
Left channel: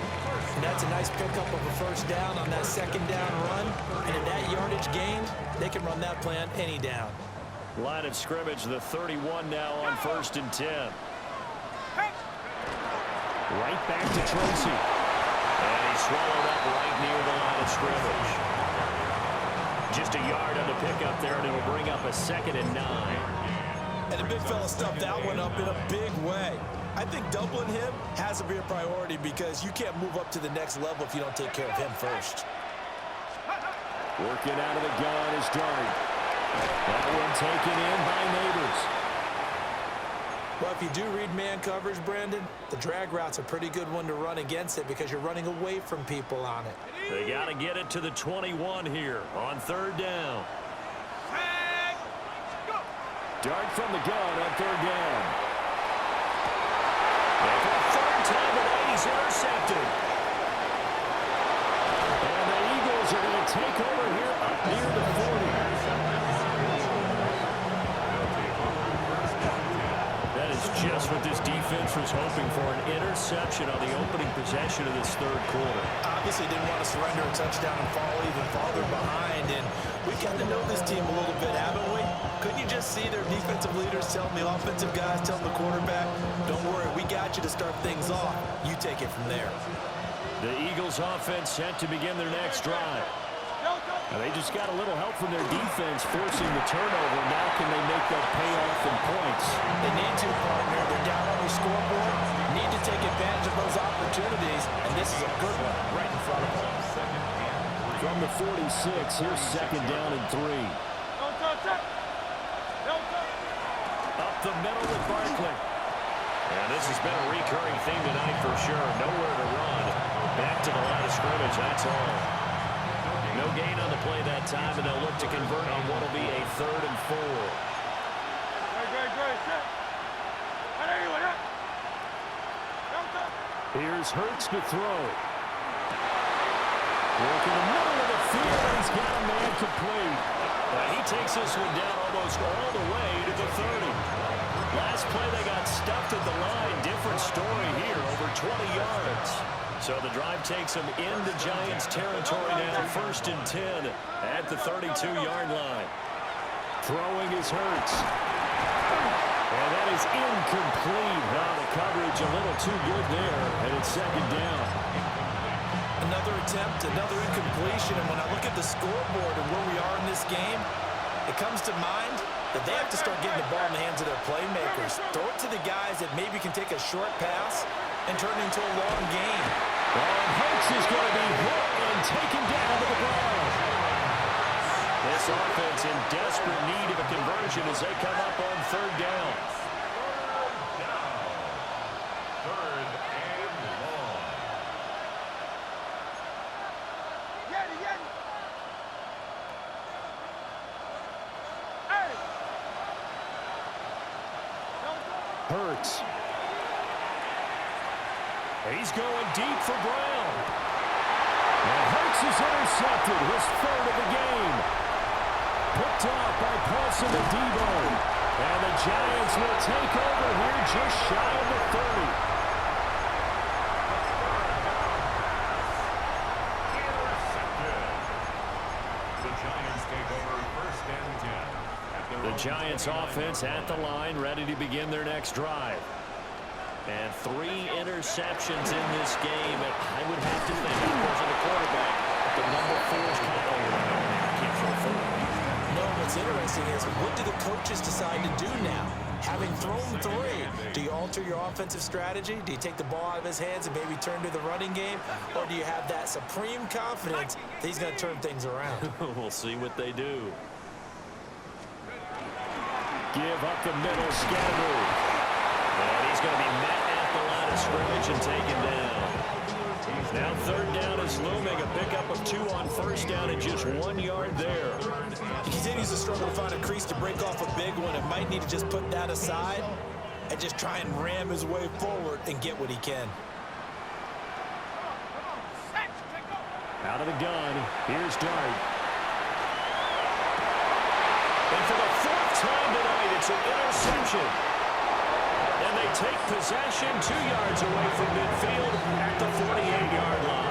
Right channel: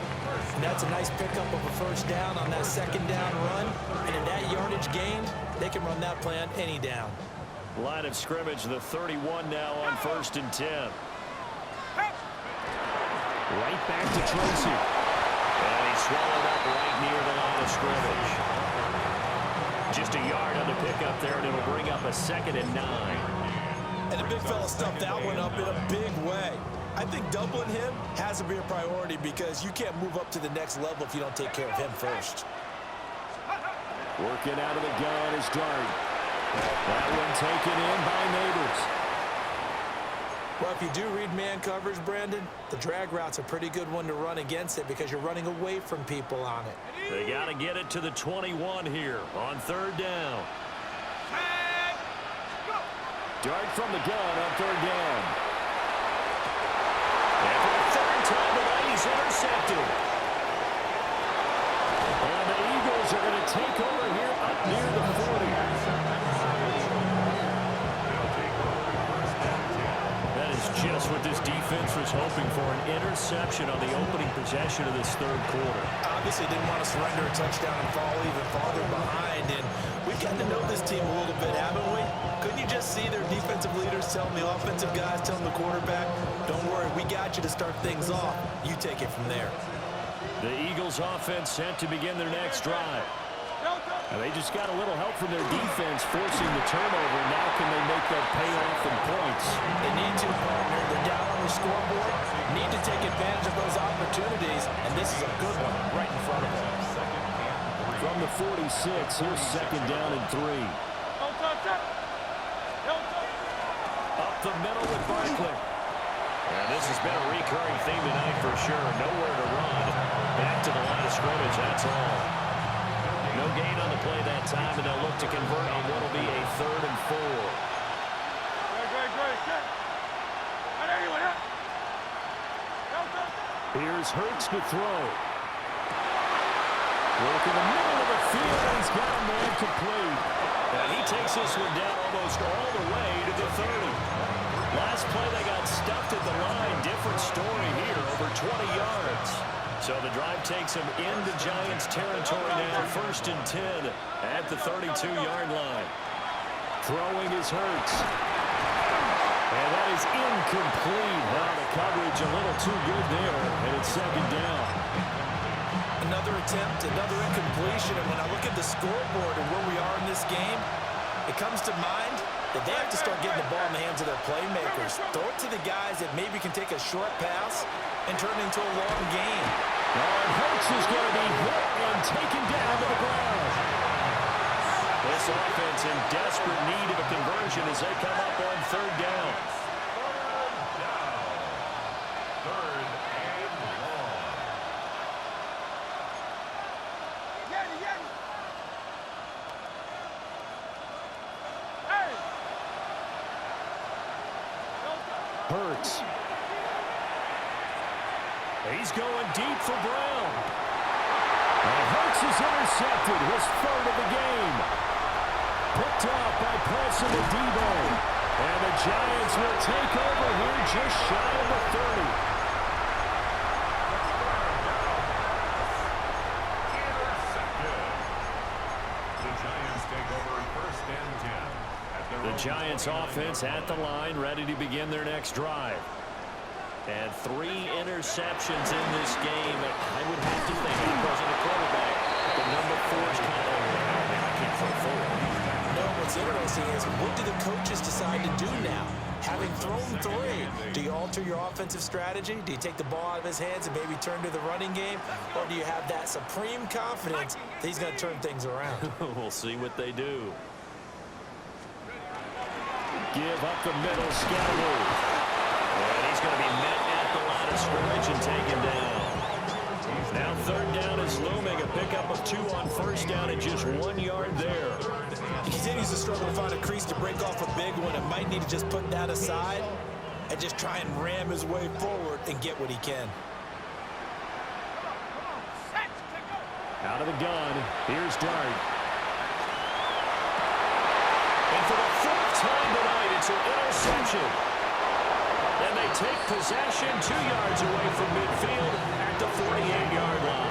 And that's a nice pickup of a first down on that second down run. And in that yardage gained, they can run that play on any down. Line of scrimmage, the 31 now on 1st and 10. Right back to Tracy. And he's swallowed up right near the line of scrimmage. Just a yard on the pickup there, and it'll bring up a 2nd and 9. And the big fella stuffed that one up in a big way. I think doubling him has to be a priority because you can't move up to the next level if you don't take care of him first. Working out of the gun is Dart. That one taken in by Neighbors. Well, if you do read man coverage, Brandon, the drag route's a pretty good one to run against it because you're running away from people on it. They got to get it to the 21 here on 3rd down. Dart from the gun on 3rd down. And for the 3rd time tonight, he's intercepted. And the Eagles are going to take over here up near the 40. That is just what this defense was hoping for, an interception on the opening possession of this 3rd quarter. Obviously didn't want to surrender a touchdown and fall even farther behind, and we've gotten to know this team a little bit, haven't we? Couldn't you just see their defensive leaders telling the offensive guys, telling the quarterback, don't worry, we got you to start things off. You take it from there. The Eagles offense set to begin their next drive. Now they just got a little help from their defense forcing the turnover. Now can they make that pay off in points? They need to, partner. They're down on the scoreboard. Need to take advantage of those opportunities, and this is a good one right in front of them. From the 46, here's 2nd down and 3. Up the middle with Barkley. And this has been a recurring theme tonight for sure. Nowhere to run. Back to the line of scrimmage, that's all. No gain on the play that time, and they'll look to convert on what will be a 3rd and 4. Here's Hurts to throw. Work in the middle of the field, and he's got a man complete. And he takes this one down almost all the way to the 30. Last play, they got stuffed at the line. Different story here, over 20 yards. So the drive takes them into Giants territory now, 1st and 10 at the 32-yard line. Throwing is Hurts. And that is incomplete. Now the coverage a little too good there, and it's 2nd down. Another attempt, another incompletion, and when I look at the scoreboard and where we are in this game, it comes to mind that they have to start getting the ball in the hands of their playmakers. Throw it to the guys that maybe can take a short pass and turn it into a long game. Oh, and Hurts is going to be hit and taken down to the ground. This offense in desperate need of a conversion as they come up on 3rd down. 3rd and long. Hurts. He's going deep for Brown. And Hurts is intercepted, his 3rd of the game. Picked off by Paulson and Debo. And the Giants will take over here just shy of the 30. Intercepted. The Giants take over 1st and 10. The Giants offense at the line, ready to begin their next drive. And 3 interceptions in this game. I would have to think, I wasn't a quarterback, but the number 4 is kind of what's interesting is, what do the coaches decide to do now? Having thrown 3, do you alter your offensive strategy? Do you take the ball out of his hands and maybe turn to the running game? Or do you have that supreme confidence that he's going to turn things around? We'll see what they do. Give up the middle, Scatteroo. And he's going to be met at the line of scrimmage and taken down. Now 3rd down is looming. A pickup of 2 on 1st down and just 1 yard there. He continues to struggle to find a crease to break off a big one, and might need to just put that aside and just try and ram his way forward and get what he can. Out of the gun, here's Dart. And for the 4th time tonight, it's an interception. And they take possession 2 yards away from midfield at the 48-yard line.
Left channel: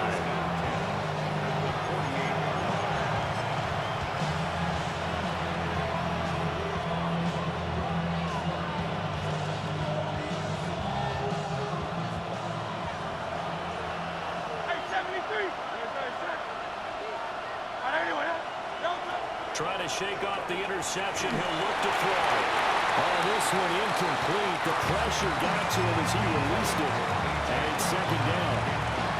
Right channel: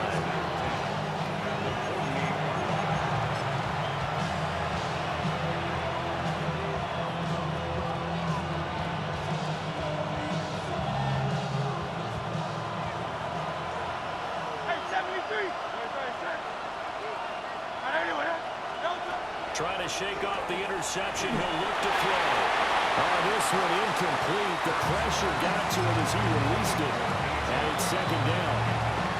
Trying to shake off the interception. He'll look to throw. Oh, this one incomplete. The pressure got to him as he released it. And it's 2nd down.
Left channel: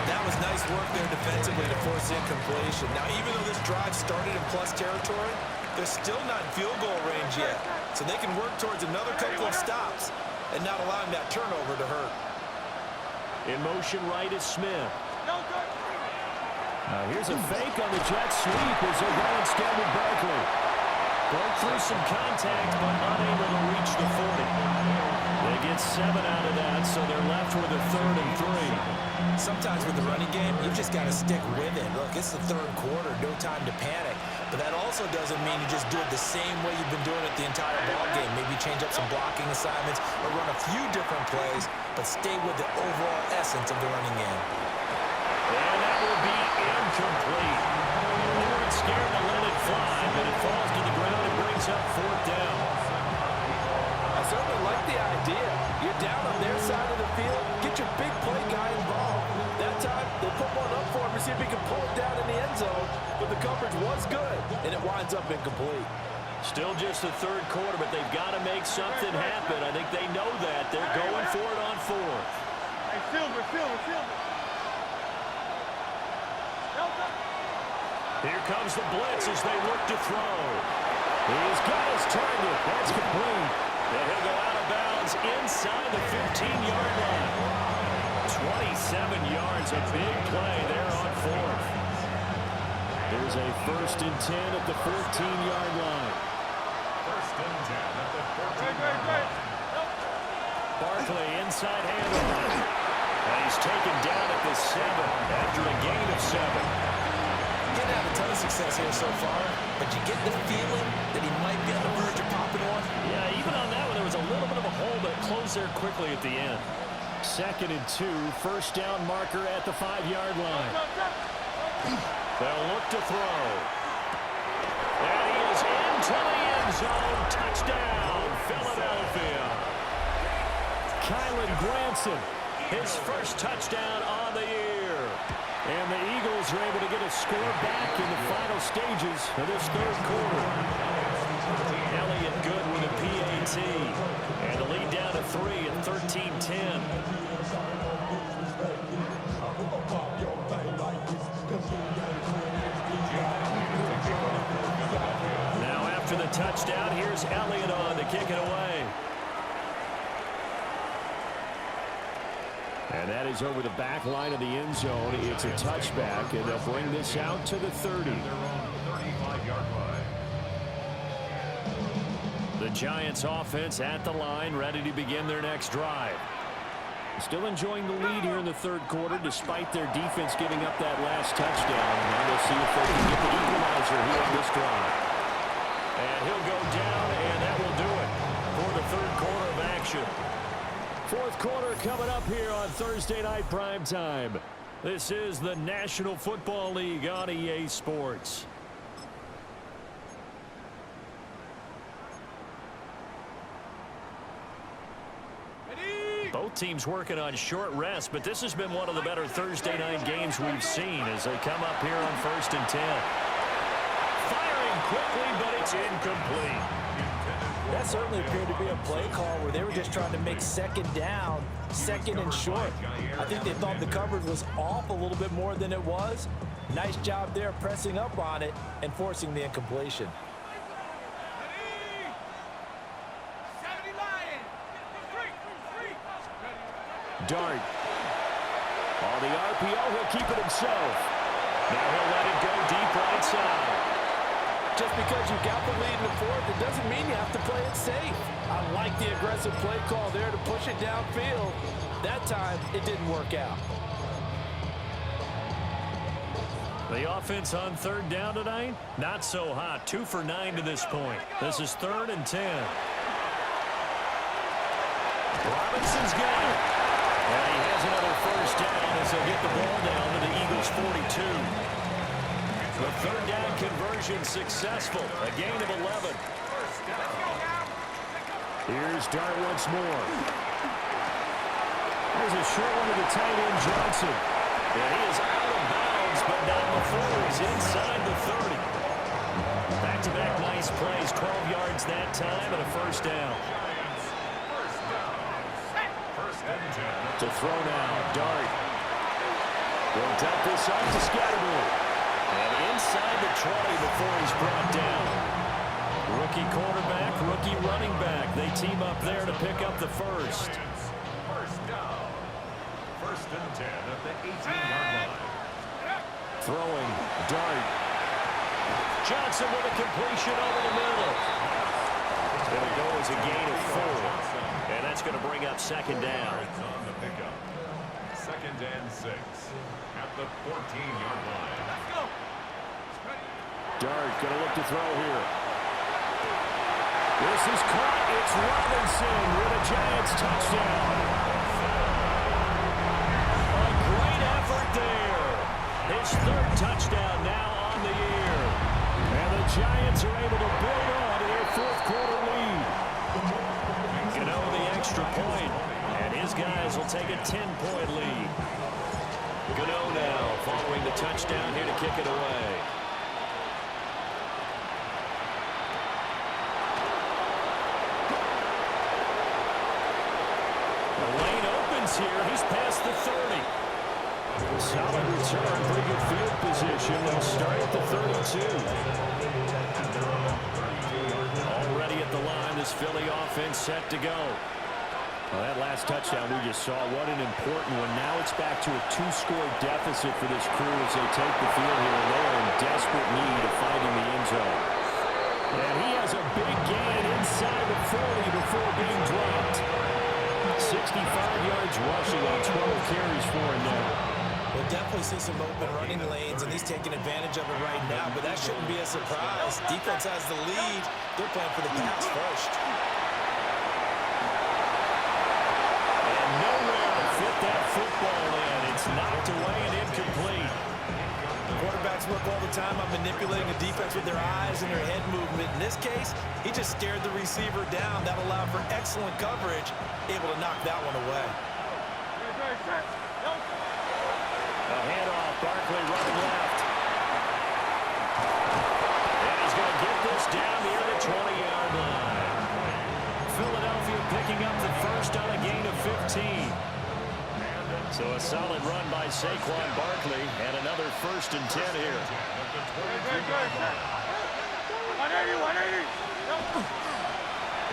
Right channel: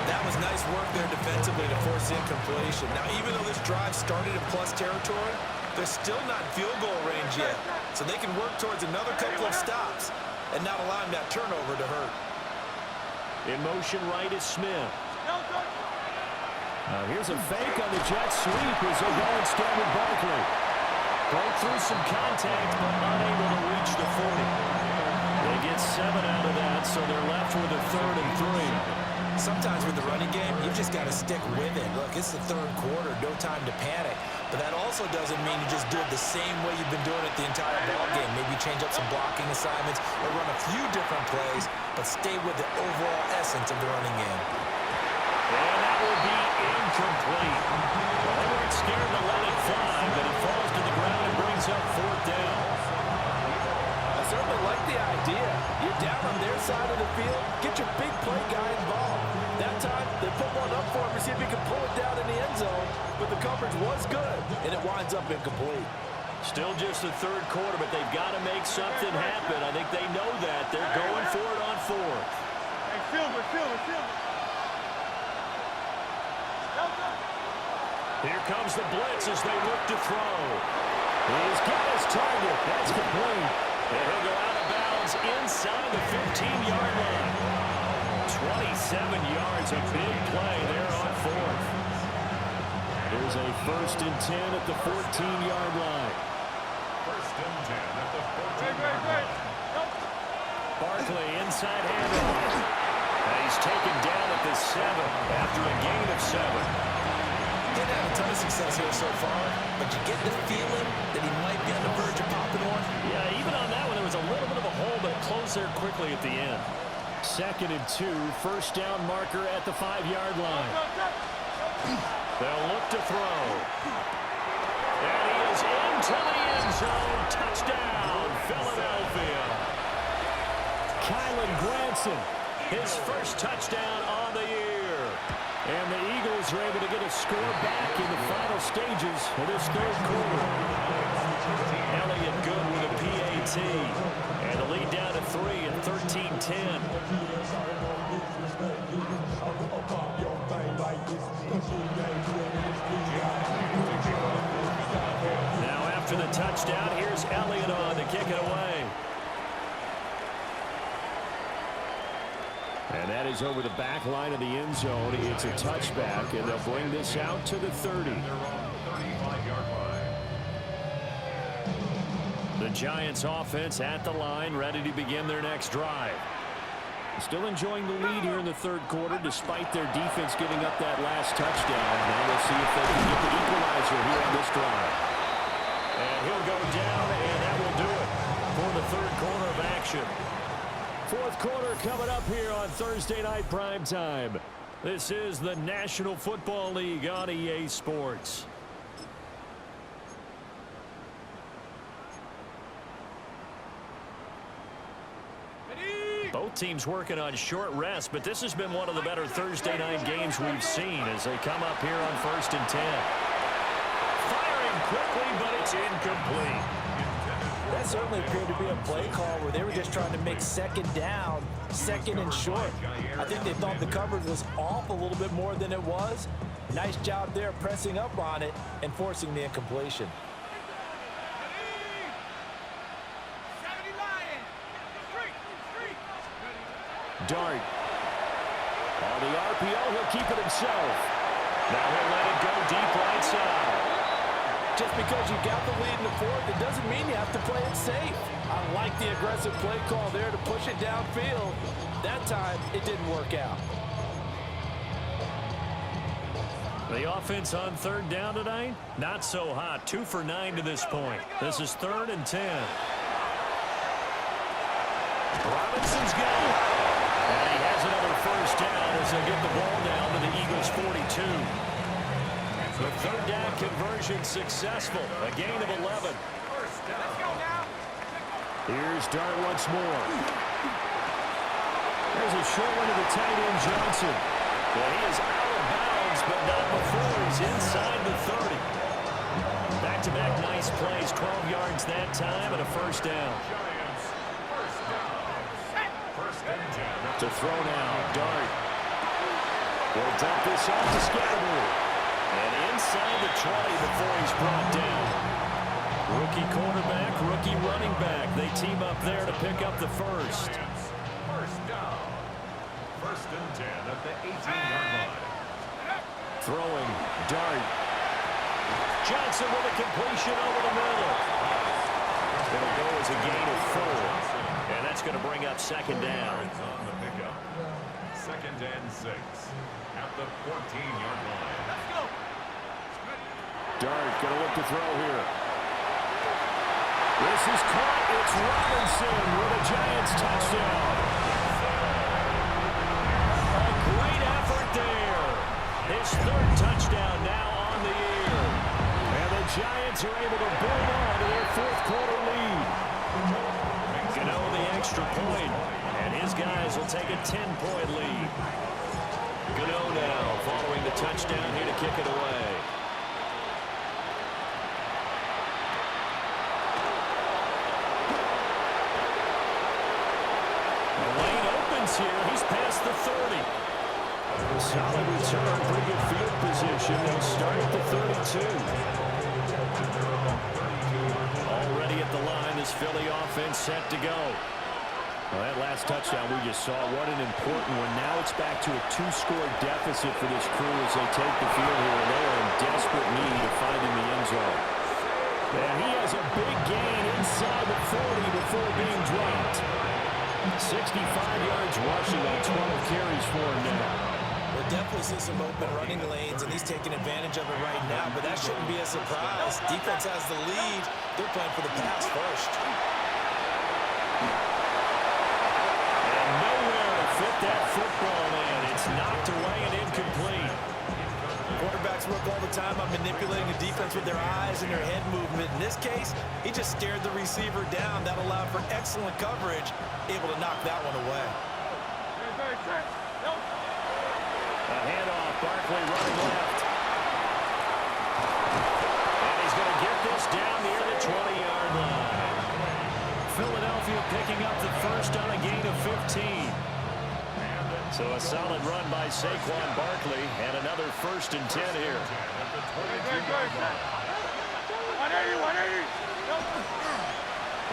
That was nice work there defensively to force incompletion. Now, even though this drive started in plus territory, they're still not in field goal range yet. So they can work towards another couple of stops and not allowing that turnover to hurt. In motion right is Smith. Here's a fake on the jet sweep as they'll go instead with Barkley. Broke through some contact, but unable to reach the 40. They get 7 out of that, so they're left with a 3rd and 3. Sometimes with the running game, you've just got to stick with it. Look, it's the 3rd quarter, no time to panic. But that also doesn't mean you just do it the same way you've been doing it the entire ball game. Maybe change up some blocking assignments or run a few different plays, but stay with the overall essence of the running game. And that will be incomplete. Well, they weren't scared to let it fly, but it falls to the ground and brings up 4th down. I certainly like the idea. You're down on their side of the field. Get your big play guy involved. That time, they put one up for him to see if he can pull it down in the end zone. But the coverage was good, and it winds up incomplete. Still just the 3rd quarter, but they've got to make something happen. I think they know that. They're going for it on 4th. Hey, Silver. Here comes the blitz as they look to throw. He's got his target. That's complete. And he'll go out of bounds inside the 15-yard line. 27 yards, a big play there on 4th. There's a 1st and 10 at the 14-yard line. 1st and 10 at the 14-yard line. Barkley inside handoff. And he's taken down at the 7 after a gain of 7. Didn't have a ton of success here so far, but you get the feeling that he might be on the verge of popping one. Yeah, even on that one, there was a little bit of a hole, but it closed there quickly at the end. 2nd and 2, 1st down marker at the 5-yard line. They'll look to throw. And he is into the end zone. Touchdown, Philadelphia. Kylan Granson, his first touchdown on the year. And the Eagles are able to get a score back in the final stages of this 3rd quarter. Elliott good with a PAT. And the lead down to 3 at 13-10. Now after the touchdown, here's Elliott on to kick it away. And that is over the back line of the end zone. It's a touchback, and they'll bring this out to the 30. Their own 35-yard line. The Giants offense at the line, ready to begin their next drive. Still enjoying the lead here in the 3rd quarter, despite their defense giving up that last touchdown. Now we'll see if they can get the equalizer here on this drive. And he'll go down, and that will do it for the 3rd quarter of action. 4th quarter coming up here on Thursday Night Primetime. This is the National Football League on EA Sports. Both teams working on short rest, but this has been one of the better Thursday night games we've seen as they come up here on 1st and 10. Firing quickly, but it's incomplete. That certainly appeared to be a play call where they were just trying to make second down, second and short. I think they thought the coverage was off a little bit more than it was. Nice job there pressing up on it and forcing the incompletion. Dart. On the RPO, he'll keep it himself. Now he'll let it go deep right side. Just because you got the lead in the fourth, it doesn't mean you have to play it safe. I like the aggressive play call there to push it downfield. That time, it didn't work out. The offense on third down tonight, not so hot. 2 for 9 to this point. This is 3rd and 10. Robinson's got it. And he has another first down as he'll get the ball down to the Eagles' 42. The third down conversion successful. A gain of 11. Let's go now. Here's Dart once more. There's a short one to the tight end, Johnson. And he is out of bounds, but not before he's inside the 30. Back-to-back nice plays, 12 yards that time, and a first down. Giants, first down. First and 10. To throw now, Dart. He'll dump this off to Scatterbury. And inside the 20 before he's brought down. Rookie quarterback, rookie running back. They team up there to pick up the first. Giants, first down. First and 10 at the 18-yard line. Throwing, Dart. Johnson with a completion over the middle. It'll go as a gain of 4. And that's going to bring up second down. Yards on the pickup. Second and 6 at the 14-yard line. Let's go. Dart going to look to throw here. This is caught. It's Robinson with a Giants touchdown. A great effort there. His 3rd touchdown now on the year. And the Giants are able to build on to their 4th quarter lead. Gano the extra point, and his guys will take a 10-point lead. Gano now following the touchdown here to kick it away. The lane opens here. He's past the 30. Solid return, pretty good field position. They'll start at the 32. Already at the line, this Philly offense set to go. Well, that last touchdown we just saw, what an important one. Now it's back to a 2-score deficit for this crew as they take the field here. And they are in desperate need of finding the end zone. And he has a big gain inside the 40 before being dropped. 65 yards rushing on 12 carries for him now. We'll definitely see some open running lanes, and he's taking advantage of it right now, but that shouldn't be a surprise. Defense has the lead. They're playing for the pass first. And nowhere to fit that football in. It's knocked away and incomplete. Quarterbacks work all the time on manipulating the defense with their eyes and their head movement. In this case, he just stared the receiver down. That allowed for excellent coverage, able to knock that one away. A handoff, Barkley running left. And he's going to get this down near the 20-yard line. Philadelphia picking up the first on a gain of 15. So a solid run by Saquon Barkley and another 1st and 10 here.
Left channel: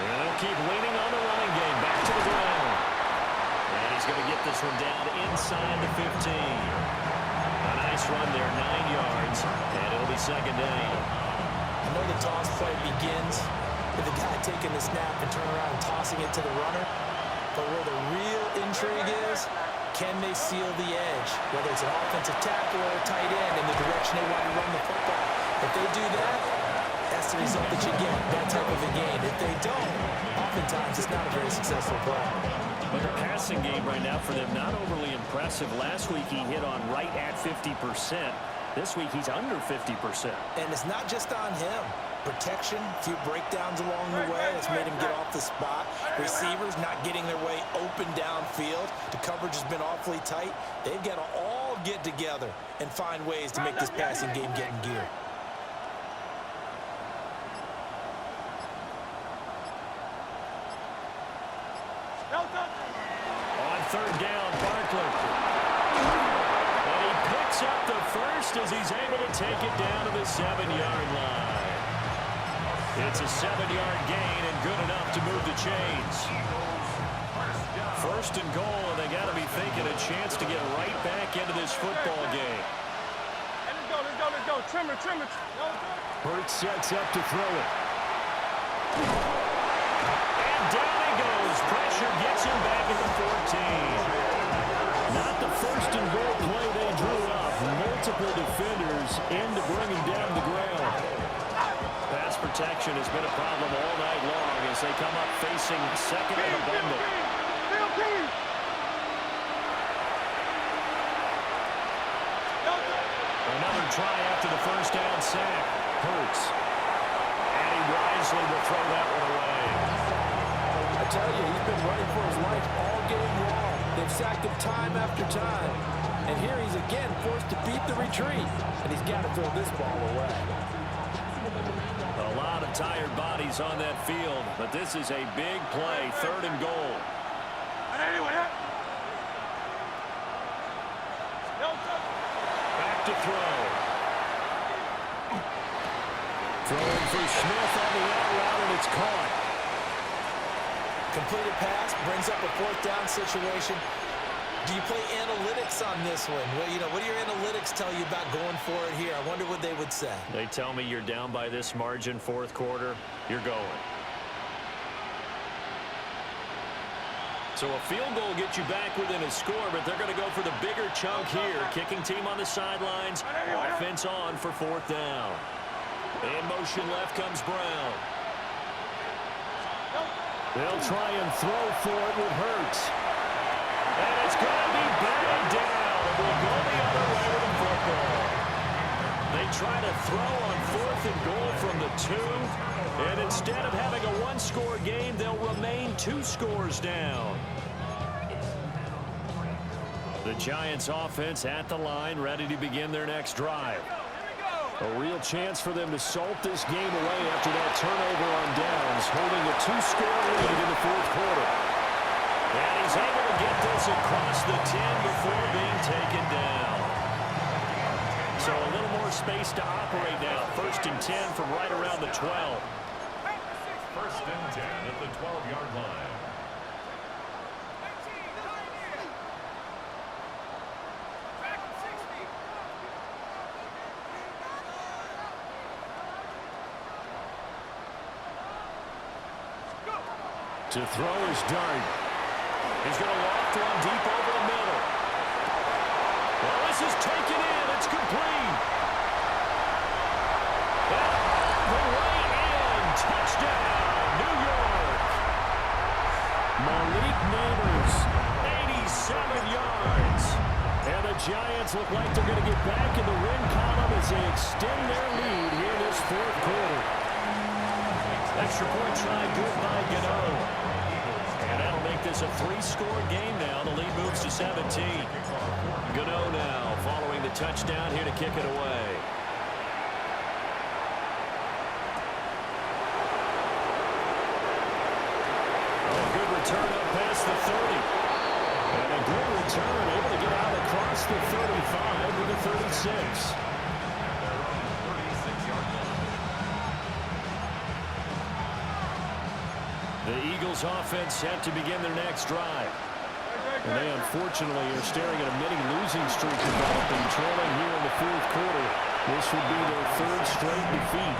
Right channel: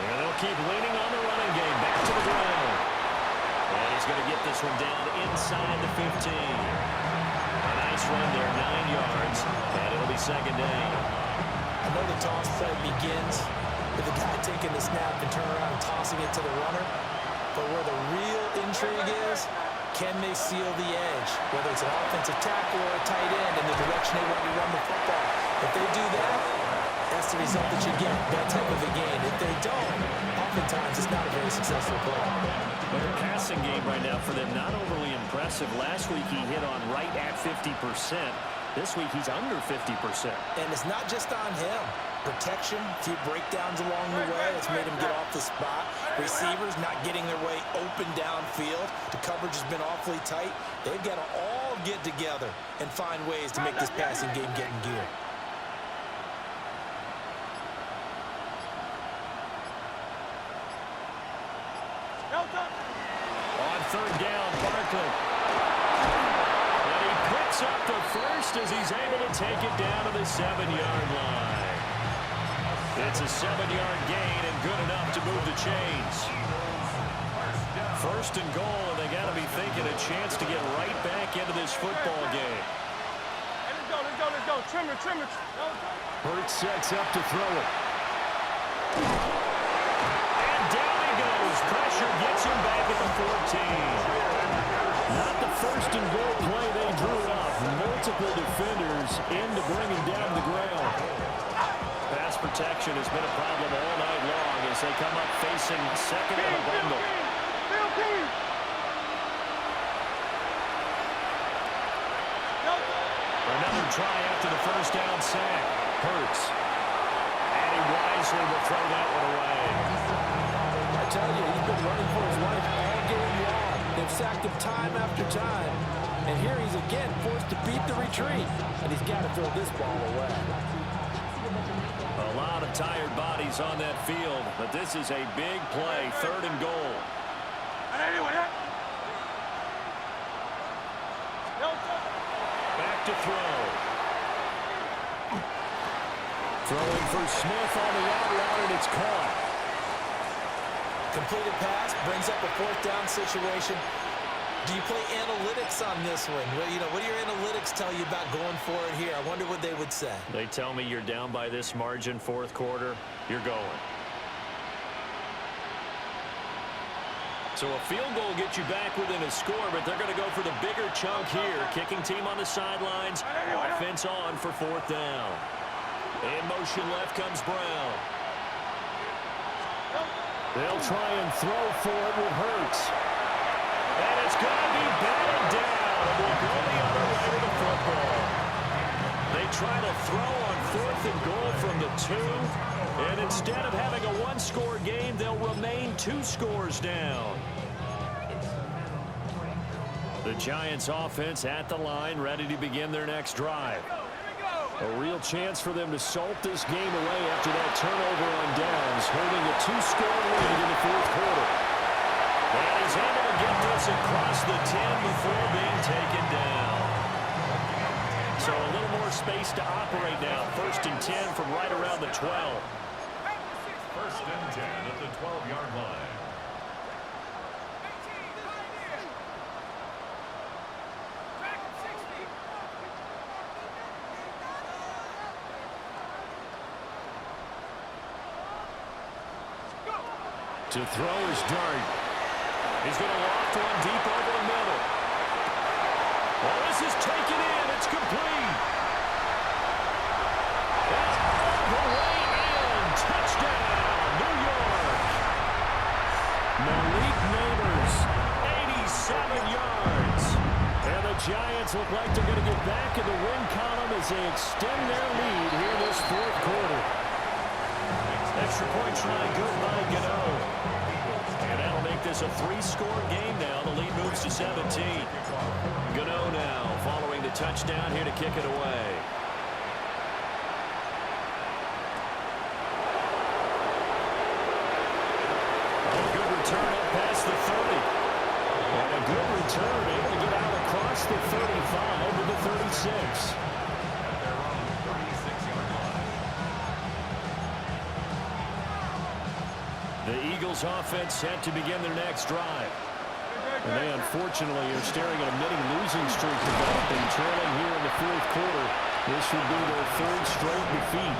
And they'll keep leaning on the running game. Back to the ground. And he's going to get this one down inside the 15. A nice run there, 9 yards, and it'll be second down. I know the toss play begins with the guy taking the snap and turning around and tossing it to the runner. But where the real intrigue is, can they seal the edge? Whether it's an offensive tackle or a tight end in the direction they want to run the football. If they do that, that's the result that you get, that type of a gain. If they don't, oftentimes it's not a very successful play. But the passing game right now for them, not overly impressive. Last week he hit on right at 50%. This week he's under 50%. And it's not just on him. Protection, a few breakdowns along the way that's made him get off the spot. Receivers not getting their way open downfield. The coverage has been awfully tight. They've got to all get together and find ways to make this passing game get in gear. On third down, Barkley. And he picks up the first as he's able to take it down to the 7-yard line. It's a 7-yard gain and good enough to move the chains. First and goal, and they got to be thinking a chance to get right back into this football game. Let's go. Trim it. Hurts sets up to throw it. And down he goes. Pressure gets him back at the 14. Not the first and goal play they drew up. Multiple defenders in to bring him down the ground. Pass protection has been a problem all night long as they come up facing second and a bundle. Another try after the first down sack. Hurts. And he wisely will throw that one away. I tell you, he's been running for his life all game long. They've sacked him time after time. And here he's again forced to beat the retreat. And he's got to throw this ball away. A lot of tired bodies on that field, but this is a big play, third and goal. Back to throw. Throwing for Smith on the out route, and it's caught. Completed pass brings up a fourth down situation. Do you play analytics on this one? Well, what do your analytics tell you about going for it here? I wonder what they would say. They tell me you're down by this margin, fourth quarter, you're going. So a field goal gets you back within a score, but they're going to go for the bigger chunk here. Kicking team on the sidelines, offense on for fourth down. In motion left comes Brown. They'll try and throw for it with Hurts. And it's going to be batted down, and will go the other way with the football. They try to throw on fourth and goal from the 2, and instead of having a one-score game, they'll remain 2 scores down. The Giants offense at the line, ready to begin their next drive. A real chance for them to salt this game away after that turnover on downs, holding a 2-score lead in the fourth quarter. And he's able to get this across the 10 before being taken down. So a little more space to operate now. First and 10 from right around the 12. First and 10 at the 12-yard line. To throw is Dart. He's going to loft one deep over the middle. Well, this is taken in. It's complete. And all the way in. Touchdown, New York. Malik Neighbors, 87 yards. And the Giants look like they're going to get back in the win column as they extend their lead here this fourth quarter. Extra point try good by Gano. And that'll make this a 3-score game now. The lead moves to 17. Gano now following the touchdown here to kick it away. Oh, good return up past the 30. And a good return, able to get out across the 35 to the 36. At their own 36-yard line. The Eagles offense set to begin their next drive. And they unfortunately are staring at a mini losing streak developing, trailing here in the fourth quarter. This would be their 3rd straight defeat.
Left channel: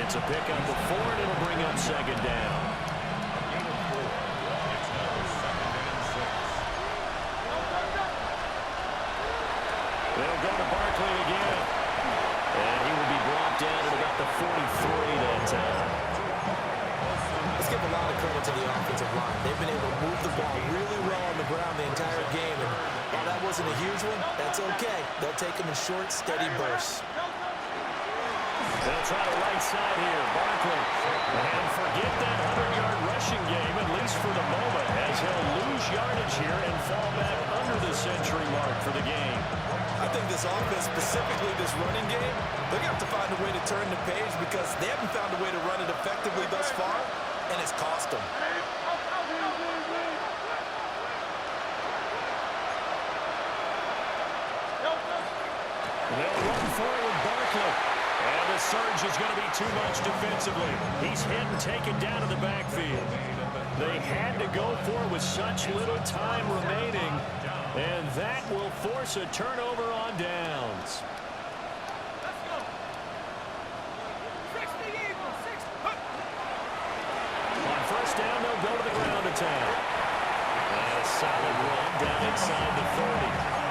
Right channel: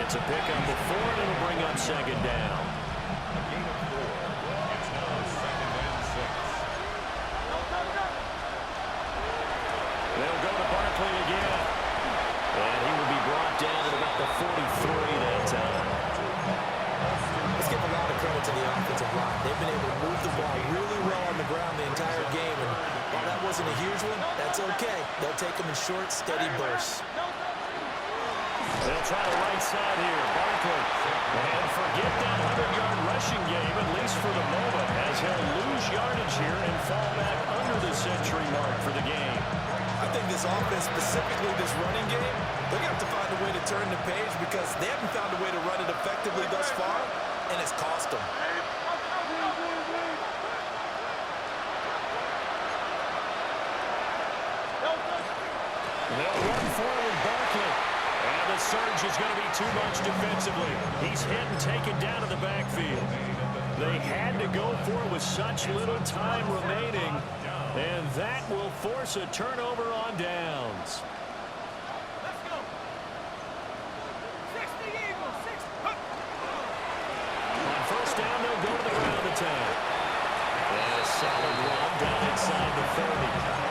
Gets a pickup before, and it'll bring up second down. A gain of 4. It's now second and 6. They'll go to Barkley again. And he will be brought down at about the 43 that time. Let's give a lot of credit to the offensive line. They've been able to move the ball really well on the ground the entire game. And while that wasn't a huge one, that's okay. They'll take them in short, steady bursts. They'll try the right side here. Barkley. And forget that 100-yard rushing game, at least for the moment, as he'll lose yardage here and fall back under the century mark for the game. I think this offense, specifically this running game, they're going to have to find a way to turn the page because they haven't found a way to run it effectively thus far, and it's cost them. They'll run forward Barkley. And the surge is going to be too much defensively. He's hit and taken down in the backfield. They had to go for it with such little time remaining. And that will force a turnover on downs. Let's go. 60 Eagles. 60. On first down, they'll go to the ground attack. And a solid run down inside the 30.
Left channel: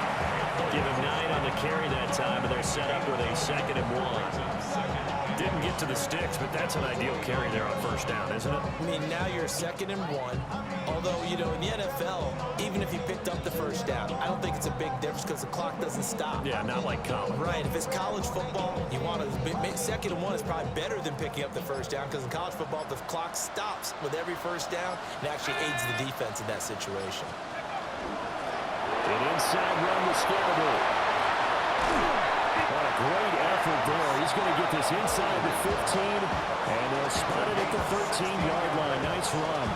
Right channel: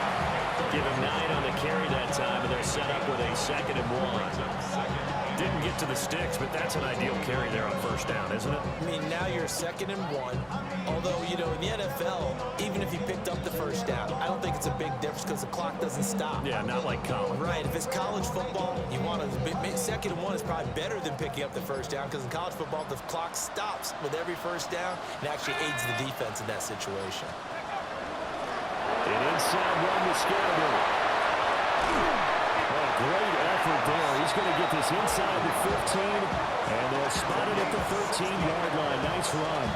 Give him 9 on the carry that time, and they're set up with a 2nd and 1. Didn't get to the sticks, but that's an ideal carry there on first down, isn't it? I mean, now you're 2nd and 1. Although, you know, in the NFL, even if you picked up the first down, I don't think it's a big difference because the clock doesn't stop. Yeah, not like college. Right. If it's college football, you want to 2nd and 1 is probably better than picking up the first down because in college football, the clock stops with every first down and actually aids the defense in that situation. An inside run with Scatterbury. What a great effort there. He's going to get this inside the 15, and they'll spot it at the 13-yard line. Nice run.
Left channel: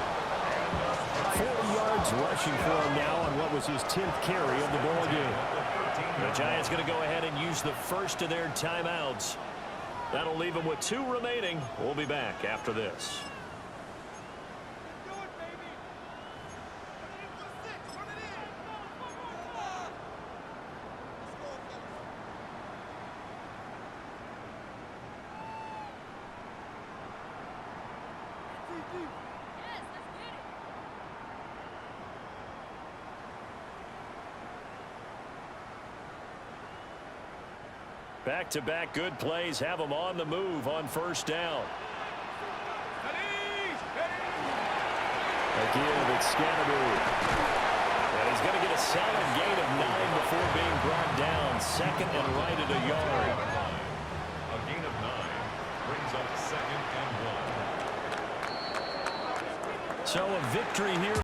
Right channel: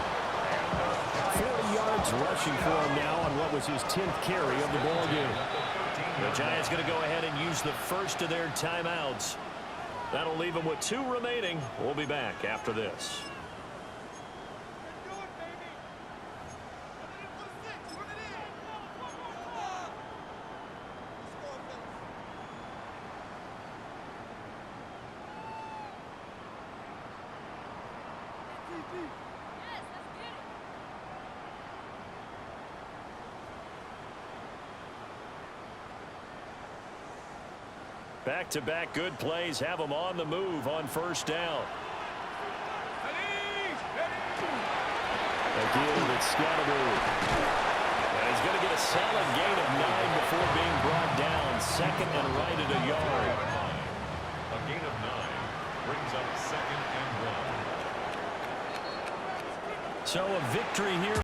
40 yards rushing for him now on what was his 10th carry of the ball game. The Giants going to go ahead and use the first of their timeouts. That'll leave them with 2 remaining. We'll be back after this. Back-to-back good plays have them on the move on first down. Again, it's Scatterbury. And he's going to get a solid gain of 9 before being brought down. 2nd and right at a yard. A gain of 9 brings up 2nd and 1. So a victory here.